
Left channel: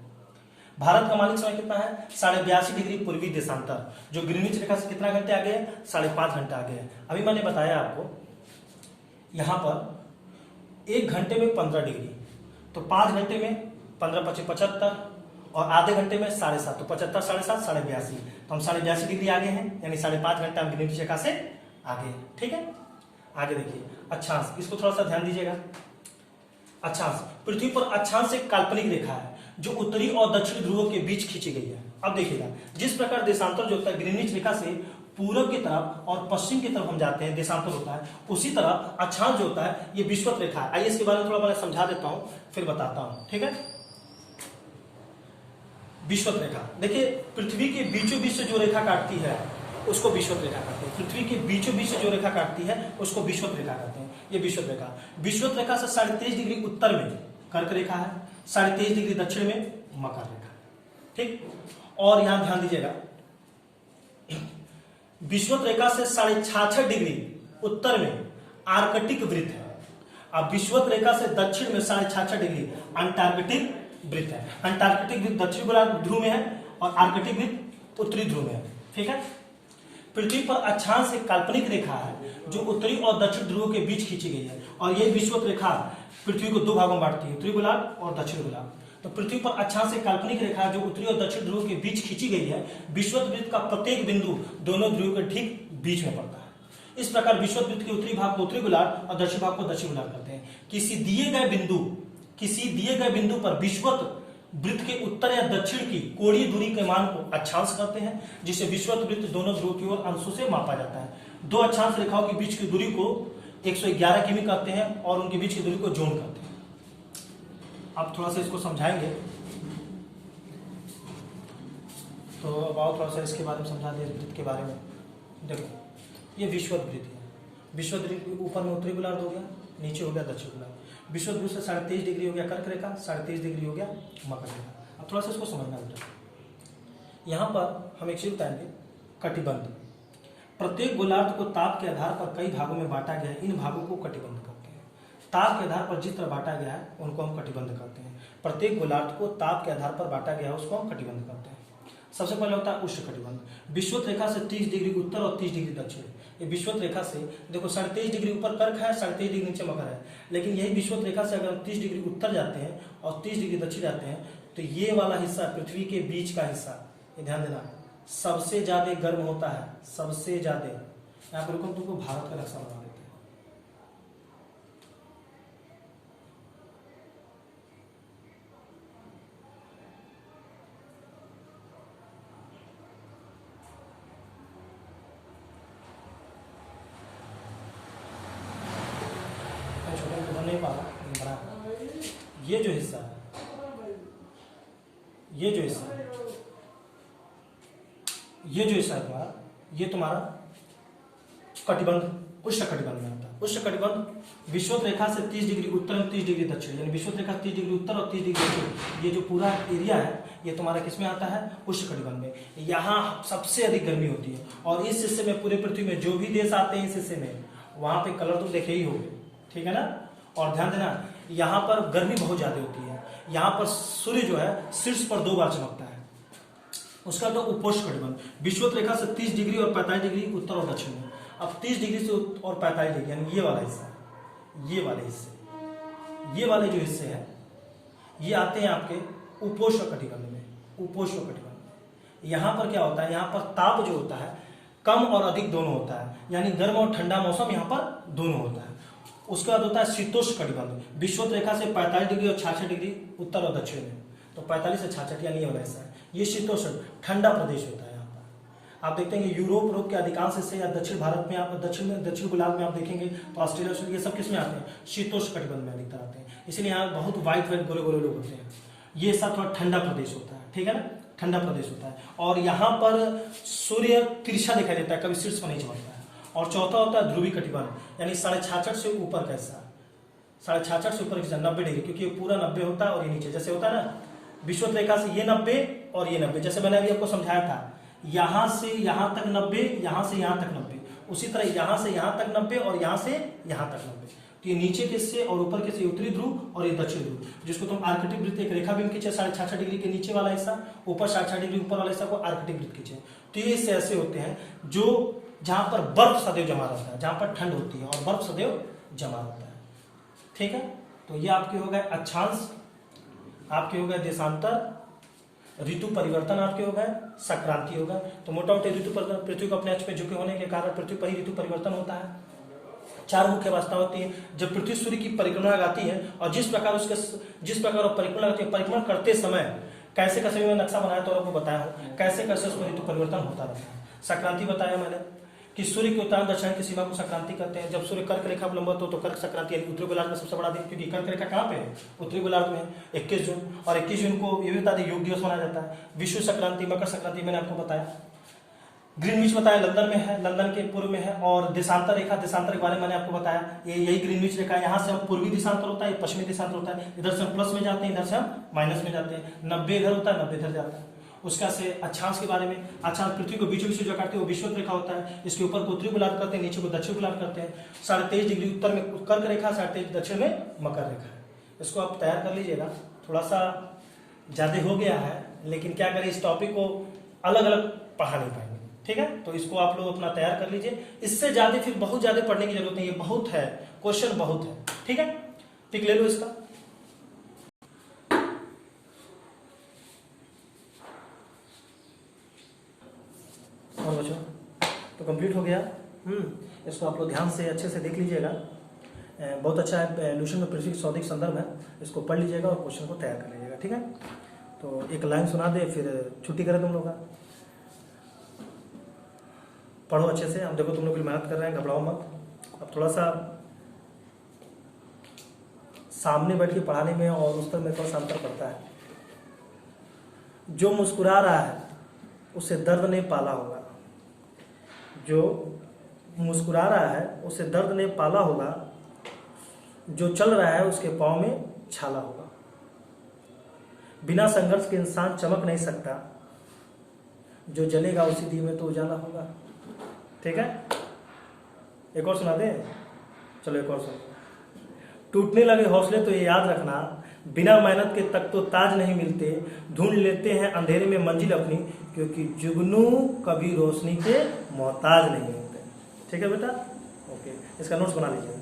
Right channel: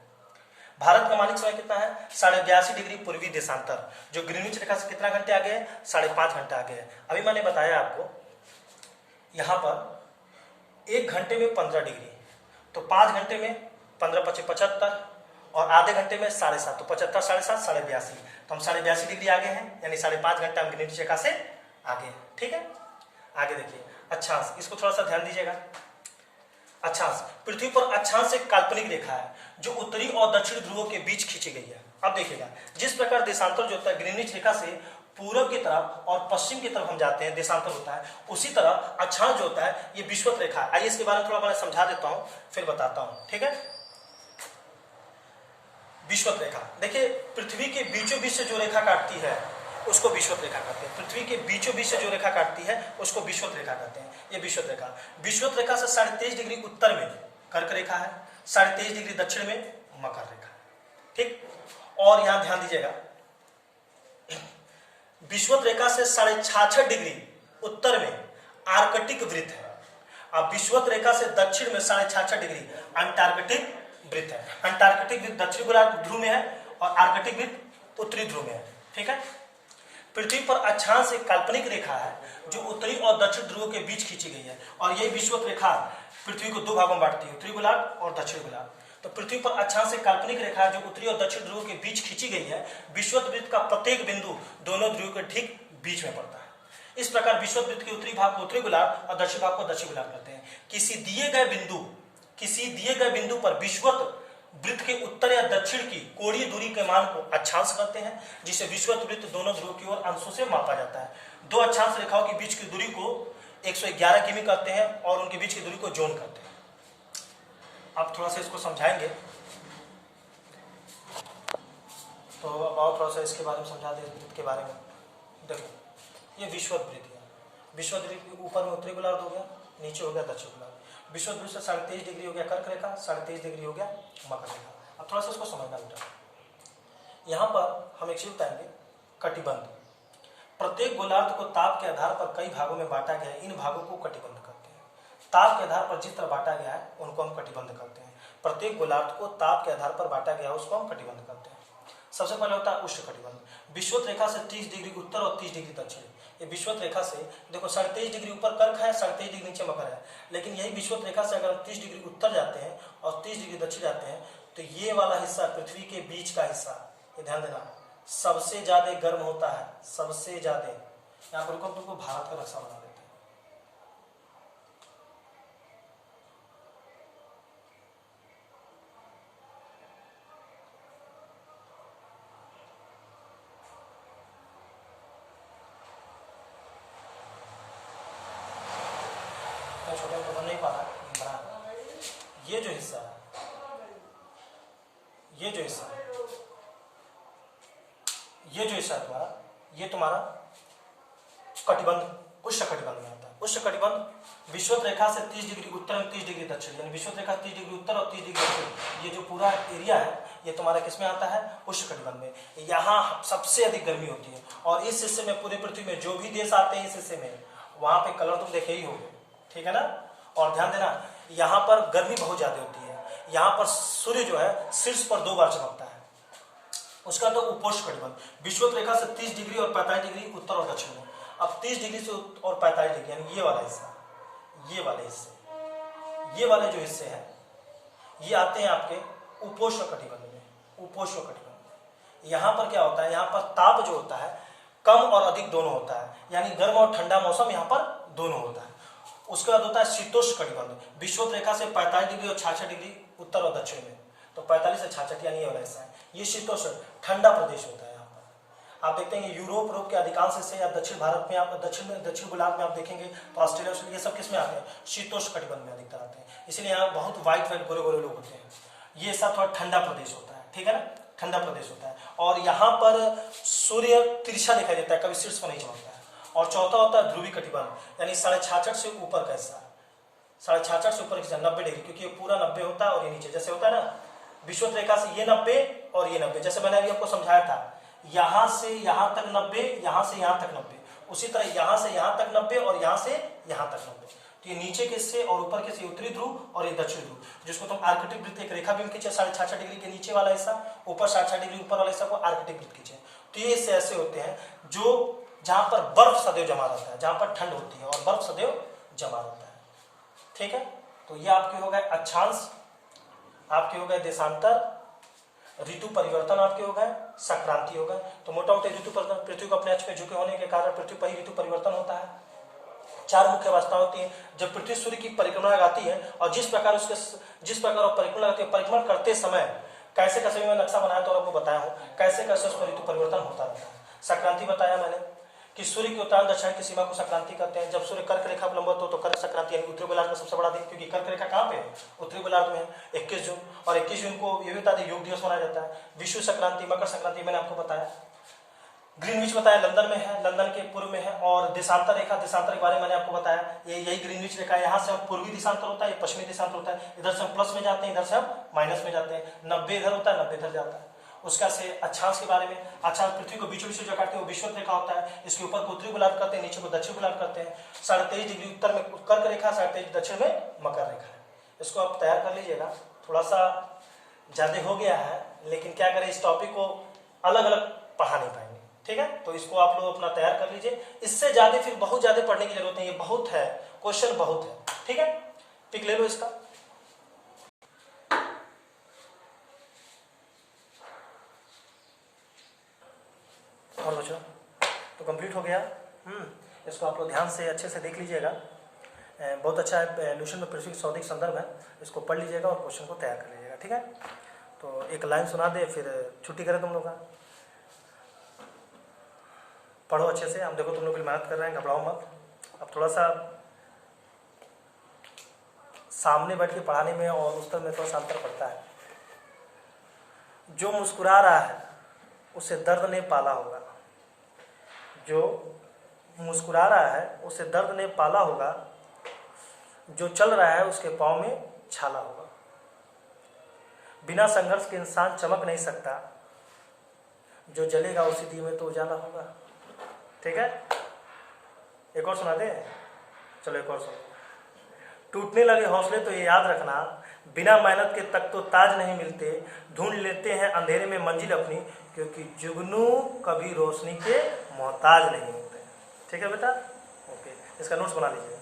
भारत का मानक समय कितना है, 82.5 डिग्री पूर्वी देशांतर, जो ग्रीनविच रेखा से कितना घंटे आगे है, 5.5 घंटे आगे है। अभी मैंने बताया आपको यहां पर 1 घंटे में 15 डिग्री, तो 5 घंटे में 15 × 5 = 75, और आधे घंटे में 7.5, तो 75, 7.5, 82, तो हम 82.5 डिग्री आगे हैं, यानी 5.5 घंटे हम ग्रीनविच रेखा से आगे हैं, ठीक है। आगे देखिए अक्षांश, इसको थोड़ा सा ध्यान दीजिएगा। अक्षांश, पृथ्वी पर अक्षांश एक काल्पनिक रेखा है जो उत्तरी और दक्षिणी ध्रुवों के बीच खींची गई है। अब देखिएगा, जिस प्रकार देशांतर जो होता है ग्रीनविच रेखा से पूर्व की तरफ और पश्चिम की तरफ हम जाते हैं, देशांतर होता है, उसी तरह अक्षांश जो होता है ये विषुवत रेखा है। आइए इसके बारे में थोड़ा मैं समझा देता हूं, फिर बताता हूं, ठीक है। विषुवत रेखा, देखिए पृथ्वी के बीचों बीच से जो रेखा काटती है उसको विषुवत रेखा कहते हैं। पृथ्वी के बीचों बीच से जो रेखा काटती है उसको विषुवत रेखा कहते हैं। ये विषुवत रेखा, विषुवत रेखा से 23.5 डिग्री उत्तर में कर्क रेखा है, 23.5 डिग्री दक्षिण में मकर रेखा। ठीक, और यहां ध्यान दीजिएगा, विषुवत रेखा से 66.5 डिग्री उत्तर में आर्कटिक वृत्त है। अब विषुवत रेखा से दक्षिण में 66.5 डिग्री अंटार्कटिक वृत्त है। अंटार्कटिक वृत्त दक्षिण गोलार्ध ध्रुव में है और आर्कटिक वृत्त उत्तरी ध्रुव में है। ठीक है, पृथ्वी पर अक्षांश एक काल्पनिक रेखा है जो उत्तरी और दक्षिण ध्रुव के बीच खींची गई है, और यही विषुवत रेखा पृथ्वी को दो भागों में बांटती है, उत्तरी गोलार्ध और दक्षिण गोलार्ध। तो पृथ्वी पर अक्षांश एक काल्पनिक रेखा जो उत्तरी और दक्षिण ध्रुव के बीच खींची गई है। विषुवत वृत्त का प्रत्येक बिंदु दोनों ध्रुव के ठीक बीच में पड़ता है। इस प्रकार विषुवत वृत्त के उत्तरी भाग को उत्तरी गोलार्ध और दक्षिण भाग को दक्षिण गोलार्ध कहते हैं। किसी दिए गए बिंदु पर विषुवत वृत्त के उत्तर या दक्षिण की कोणीय दूरी के मान को अक्षांश कहते हैं, जिसे विषुवत वृत्त दोनों ध्रुव की ओर अंशों से मापा जाता है। दो अक्षांश रेखाओं के बीच की दूरी को 111 किमी कहते हैं और उनके बीच की दूरी को जोन कहते हैं। अब थोड़ा सा इसको समझाएंगे, तो अब आओ थोड़ा सा इसके बारे में समझा दें। वृत्त के बारे में देखो, ये विषुवत वृत्त है। विषुवत वृत्त के ऊपर में उत्तरी गोलार्ध हो गया, नीचे हो गया दक्षिण गोलार्ध। विषुवत वृत्त से 23.5 डिग्री हो गया कर्क रेखा, 23.5 डिग्री हो गया मकर रेखा। अब थोड़ा सा इसको समझना बेटा, यहाँ पर हम एक चीज बताएंगे, कटिबंध। प्रत्येक गोलार्ध को ताप के आधार पर कई भागों में बांटा गया है, इन भागों को कटिबंध कहते हैं। ताप के आधार पर जिस तरह बांटा गया है उनको हम कटिबंध कहते हैं। प्रत्येक गोलार्ध को ताप के आधार पर बांटा गया है उसको हम कटिबंध कहते हैं। सबसे पहले होता है उष्ण कटिबंध, विषुवत रेखा से 30 डिग्री उत्तर और 30 डिग्री दक्षिण। ये विषुवत रेखा से देखो 23.5 डिग्री ऊपर कर्क है, 23.5 डिग्री नीचे मकर है, लेकिन यही विषुवत रेखा से अगर हम 30 डिग्री उत्तर जाते हैं और 30 डिग्री दक्षिण जाते हैं तो ये वाला हिस्सा पृथ्वी के बीच का हिस्सा, ये ध्यान देना, सबसे ज्यादा गर्म होता है। सबसे ज्यादा, यहाँ पर तुमको भारत का नक्शा बना देते हैं। छोटे में तो बन नहीं पा रहा, बना। ये जो हिस्सा है, ये जो हिस्सा है तुम्हारा, ये तुम्हारा कटिबंध, उष्ण कटिबंध में आता है। उष्ण कटिबंध विषुवत रेखा से 30 डिग्री उत्तर में 30 डिग्री दक्षिण, यानी विषुवत रेखा 30 डिग्री उत्तर और 30 डिग्री दक्षिण, ये जो पूरा एरिया है ये तुम्हारा किसमें आता है? उष्ण कटिबंध में। यहाँ सबसे अधिक गर्मी होती है और इस हिस्से में पूरे पृथ्वी में जो भी देश आते हैं इस हिस्से में, वहां पे कलर तुम देखे ही होगे, ठीक है ना। और ध्यान देना, यहाँ पर गर्मी बहुत ज्यादा होती है। यहाँ पर सूर्य जो है शीर्ष पर 2 बार चमकता है। उसका तो उपोष्ण कटिबंध, विषुवत रेखा से 30 डिग्री और 45 डिग्री उत्तर और दक्षिण में। अब 30 डिग्री से और 45 डिग्री, यानी ये वाला हिस्सा, ये वाले हिस्से, ये वाले जो हिस्से हैं ये आते हैं आपके उपोष्ण कटिबंध में। उपोष्ण कटिबंध, यहाँ पर क्या होता है, यहाँ पर ताप जो होता है कम और अधिक दोनों होता है, यानी गर्म और ठंडा मौसम यहाँ पर दोनों होता है। उसके बाद होता है शीतोष्ण कटिबंध, विषुवत रेखा से 45 डिग्री और 66 डिग्री उत्तर और दक्षिण में। तो 45 से 66 यानी ये वाला हिस्सा है, ये शीतोष्ण ठंडा प्रदेश होता है। यहाँ पर आप देखते हैं यूरोप के अधिकांश हिस्से या दक्षिण भारत में, आप दक्षिण गोलार्ध में आप देखेंगे तो ऑस्ट्रेलिया ये सब किसमें आते हैं? शीतोष्ण कटिबंध में अधिकतर आते हैं। इसलिए यहाँ बहुत व्हाइट गोरे गोरे लोग होते हैं। ये सब थोड़ा ठंडा प्रदेश होता है, ठीक है ना, ठंडा प्रदेश होता है। और यहाँ पर सूर्य तिरछा दिखाई देता है, कभी शीर्ष पर नहीं चमकता है। और चौथा होता है ध्रुवी कटिबंध, यानी 66.5 से ऊपर का हिस्सा, 66.5 से ऊपर का 90 डिग्री, क्योंकि ये पूरा 90 होता है और ये नीचे जैसे होता है ना, विषुवत रेखा से ये 90 और ये 90, जैसे मैंने अभी आपको समझाया था, यहां से यहां तक 90, यहां से यहां तक 90, उसी तरह यहां से यहां तक 90 और यहां से यहां तक 90। तो ये नीचे के हिस्से और ऊपर के हिस्से उत्तरी ध्रुव और ये दक्षिण ध्रुव, जिसको तुम आर्कटिक वृत्त, एक रेखा भी खींचे 66.5 डिग्री के नीचे वाला हिस्सा, ऊपर 66 डिग्री ऊपर वाला हिस्सा को आर्कटिक वृत्त खींचे। तो ये हिस्से ऐसे होते हैं जो जहां पर बर्फ सदैव जमा रहता है, जहां पर ठंड होती है और बर्फ सदैव जमा रहता है, ठीक है। तो ये आपके हो गए अक्षांश, आपके हो गए देशांतर, ऋतु परिवर्तन आपके हो गए, संक्रांति हो गए। तो मोटा मोटे ऋतु परिवर्तन, पृथ्वी को अपने अक्ष पे झुके होने के कारण पृथ्वी पर ही ऋतु परिवर्तन होता है। 4 मुख्य अवस्था होती है जब पृथ्वी सूर्य की परिक्रमा लगाती है, और जिस प्रकार वो परिक्रमा लगाती है, परिक्रमा करते समय कैसे कैसे मैं नक्शा बनाया तो आपको बताया हूँ, कैसे कैसे उसमें ऋतु परिवर्तन होता रहता है। संक्रांति बताया मैंने कि सूर्य के उत्तर दक्षिण की सीमा को संक्रांति कहते हैं। जब सूर्य कर्क रेखा पर लंबवत हो तो कर्क संक्रांति, यानी उत्तरी गोलार्ध में सबसे बड़ा दिन, क्योंकि कर्क रेखा कहाँ पे है? उत्तरी गोलार्ध में है। 21 जून, और 21 जून को ये भी बता दें योग दिवस मनाया जाता है। विश्व संक्रांति, मकर संक्रांति मैंने आपको बताया। ग्रीनविच बताया लंदन में है, लंदन के पूर्व में है। और देशांतर रेखा, देशांतर के बारे में मैंने आपको बताया, ये यही ग्रीनविच रेखा है। यहाँ से हम पूर्वी देशांतर होता है, ये पश्चिमी देशांतर होता है। इधर से हम प्लस में जाते हैं, इधर से हम माइनस में जाते हैं। 90 इधर होता है, 90 इधर जाता है। उसका से अक्षांश के बारे में, अक्षांश पृथ्वी को बीचों बीच जो काटते हैं वो विषुवत रेखा होता है। इसके ऊपर को उत्तरी गोलार्ध करते हैं, नीचे को दक्षिण गोलार्ध करते हैं। 23.5 डिग्री उत्तर में कर्क रेखा, 23.5 दक्षिण में मकर रेखा है। इसको आप तैयार कर लीजिएगा। थोड़ा सा ज्यादा हो गया है, लेकिन क्या करें, इस टॉपिक को अलग अलग पढ़ा नहीं पाएंगे, ठीक है। तो इसको आप लोग अपना तैयार कर लीजिए। इससे ज्यादा फिर बहुत ज्यादा पढ़ने की जरूरत नहीं है, बहुत है, क्वेश्चन बहुत है, ठीक है। पिक ले लो इसका। और बच्चों तो कंप्लीट हो गया। इसको आप लोग ध्यान से अच्छे से देख लीजिएगा। बहुत अच्छा है, एल्यूशन में पृथ्वी सौदिक संदर्भ है। इसको पढ़ लीजिएगा और क्वेश्चन को तैयार कर लीजिएगा, ठीक है। तो एक लाइन सुना दे, फिर छुट्टी करें तुम लोग का। पढ़ो अच्छे से। हम देखो तुम लोग भी मेहनत कर रहे हैं, घबराओ मत। अब थोड़ा सा सामने बैठ के पढ़ाने में और उस तरह में थोड़ा सा अंतर पड़ता है। जो मुस्कुरा रहा है उसे दर्द ने पाला होगा, जो मुस्कुरा रहा है उसे दर्द ने पाला होगा, जो चल रहा है उसके पाँव में छाला होगा। बिना संघर्ष के इंसान चमक नहीं सकता, जो जलेगा उसी दिए में तो उजाला होगा, ठीक है। एक और सुना दे, चलो एक और सुनो। टूटने लगे हौसले तो ये याद रखना, बिना मेहनत के तक तो ताज नहीं मिलते, ढूंढ लेते हैं अंधेरे में मंजिल अपनी, क्योंकि जुगनू कभी रोशनी के मोहताज नहीं होते, ठीक है बेटा। ओके, इसका नोट्स बना लीजिए।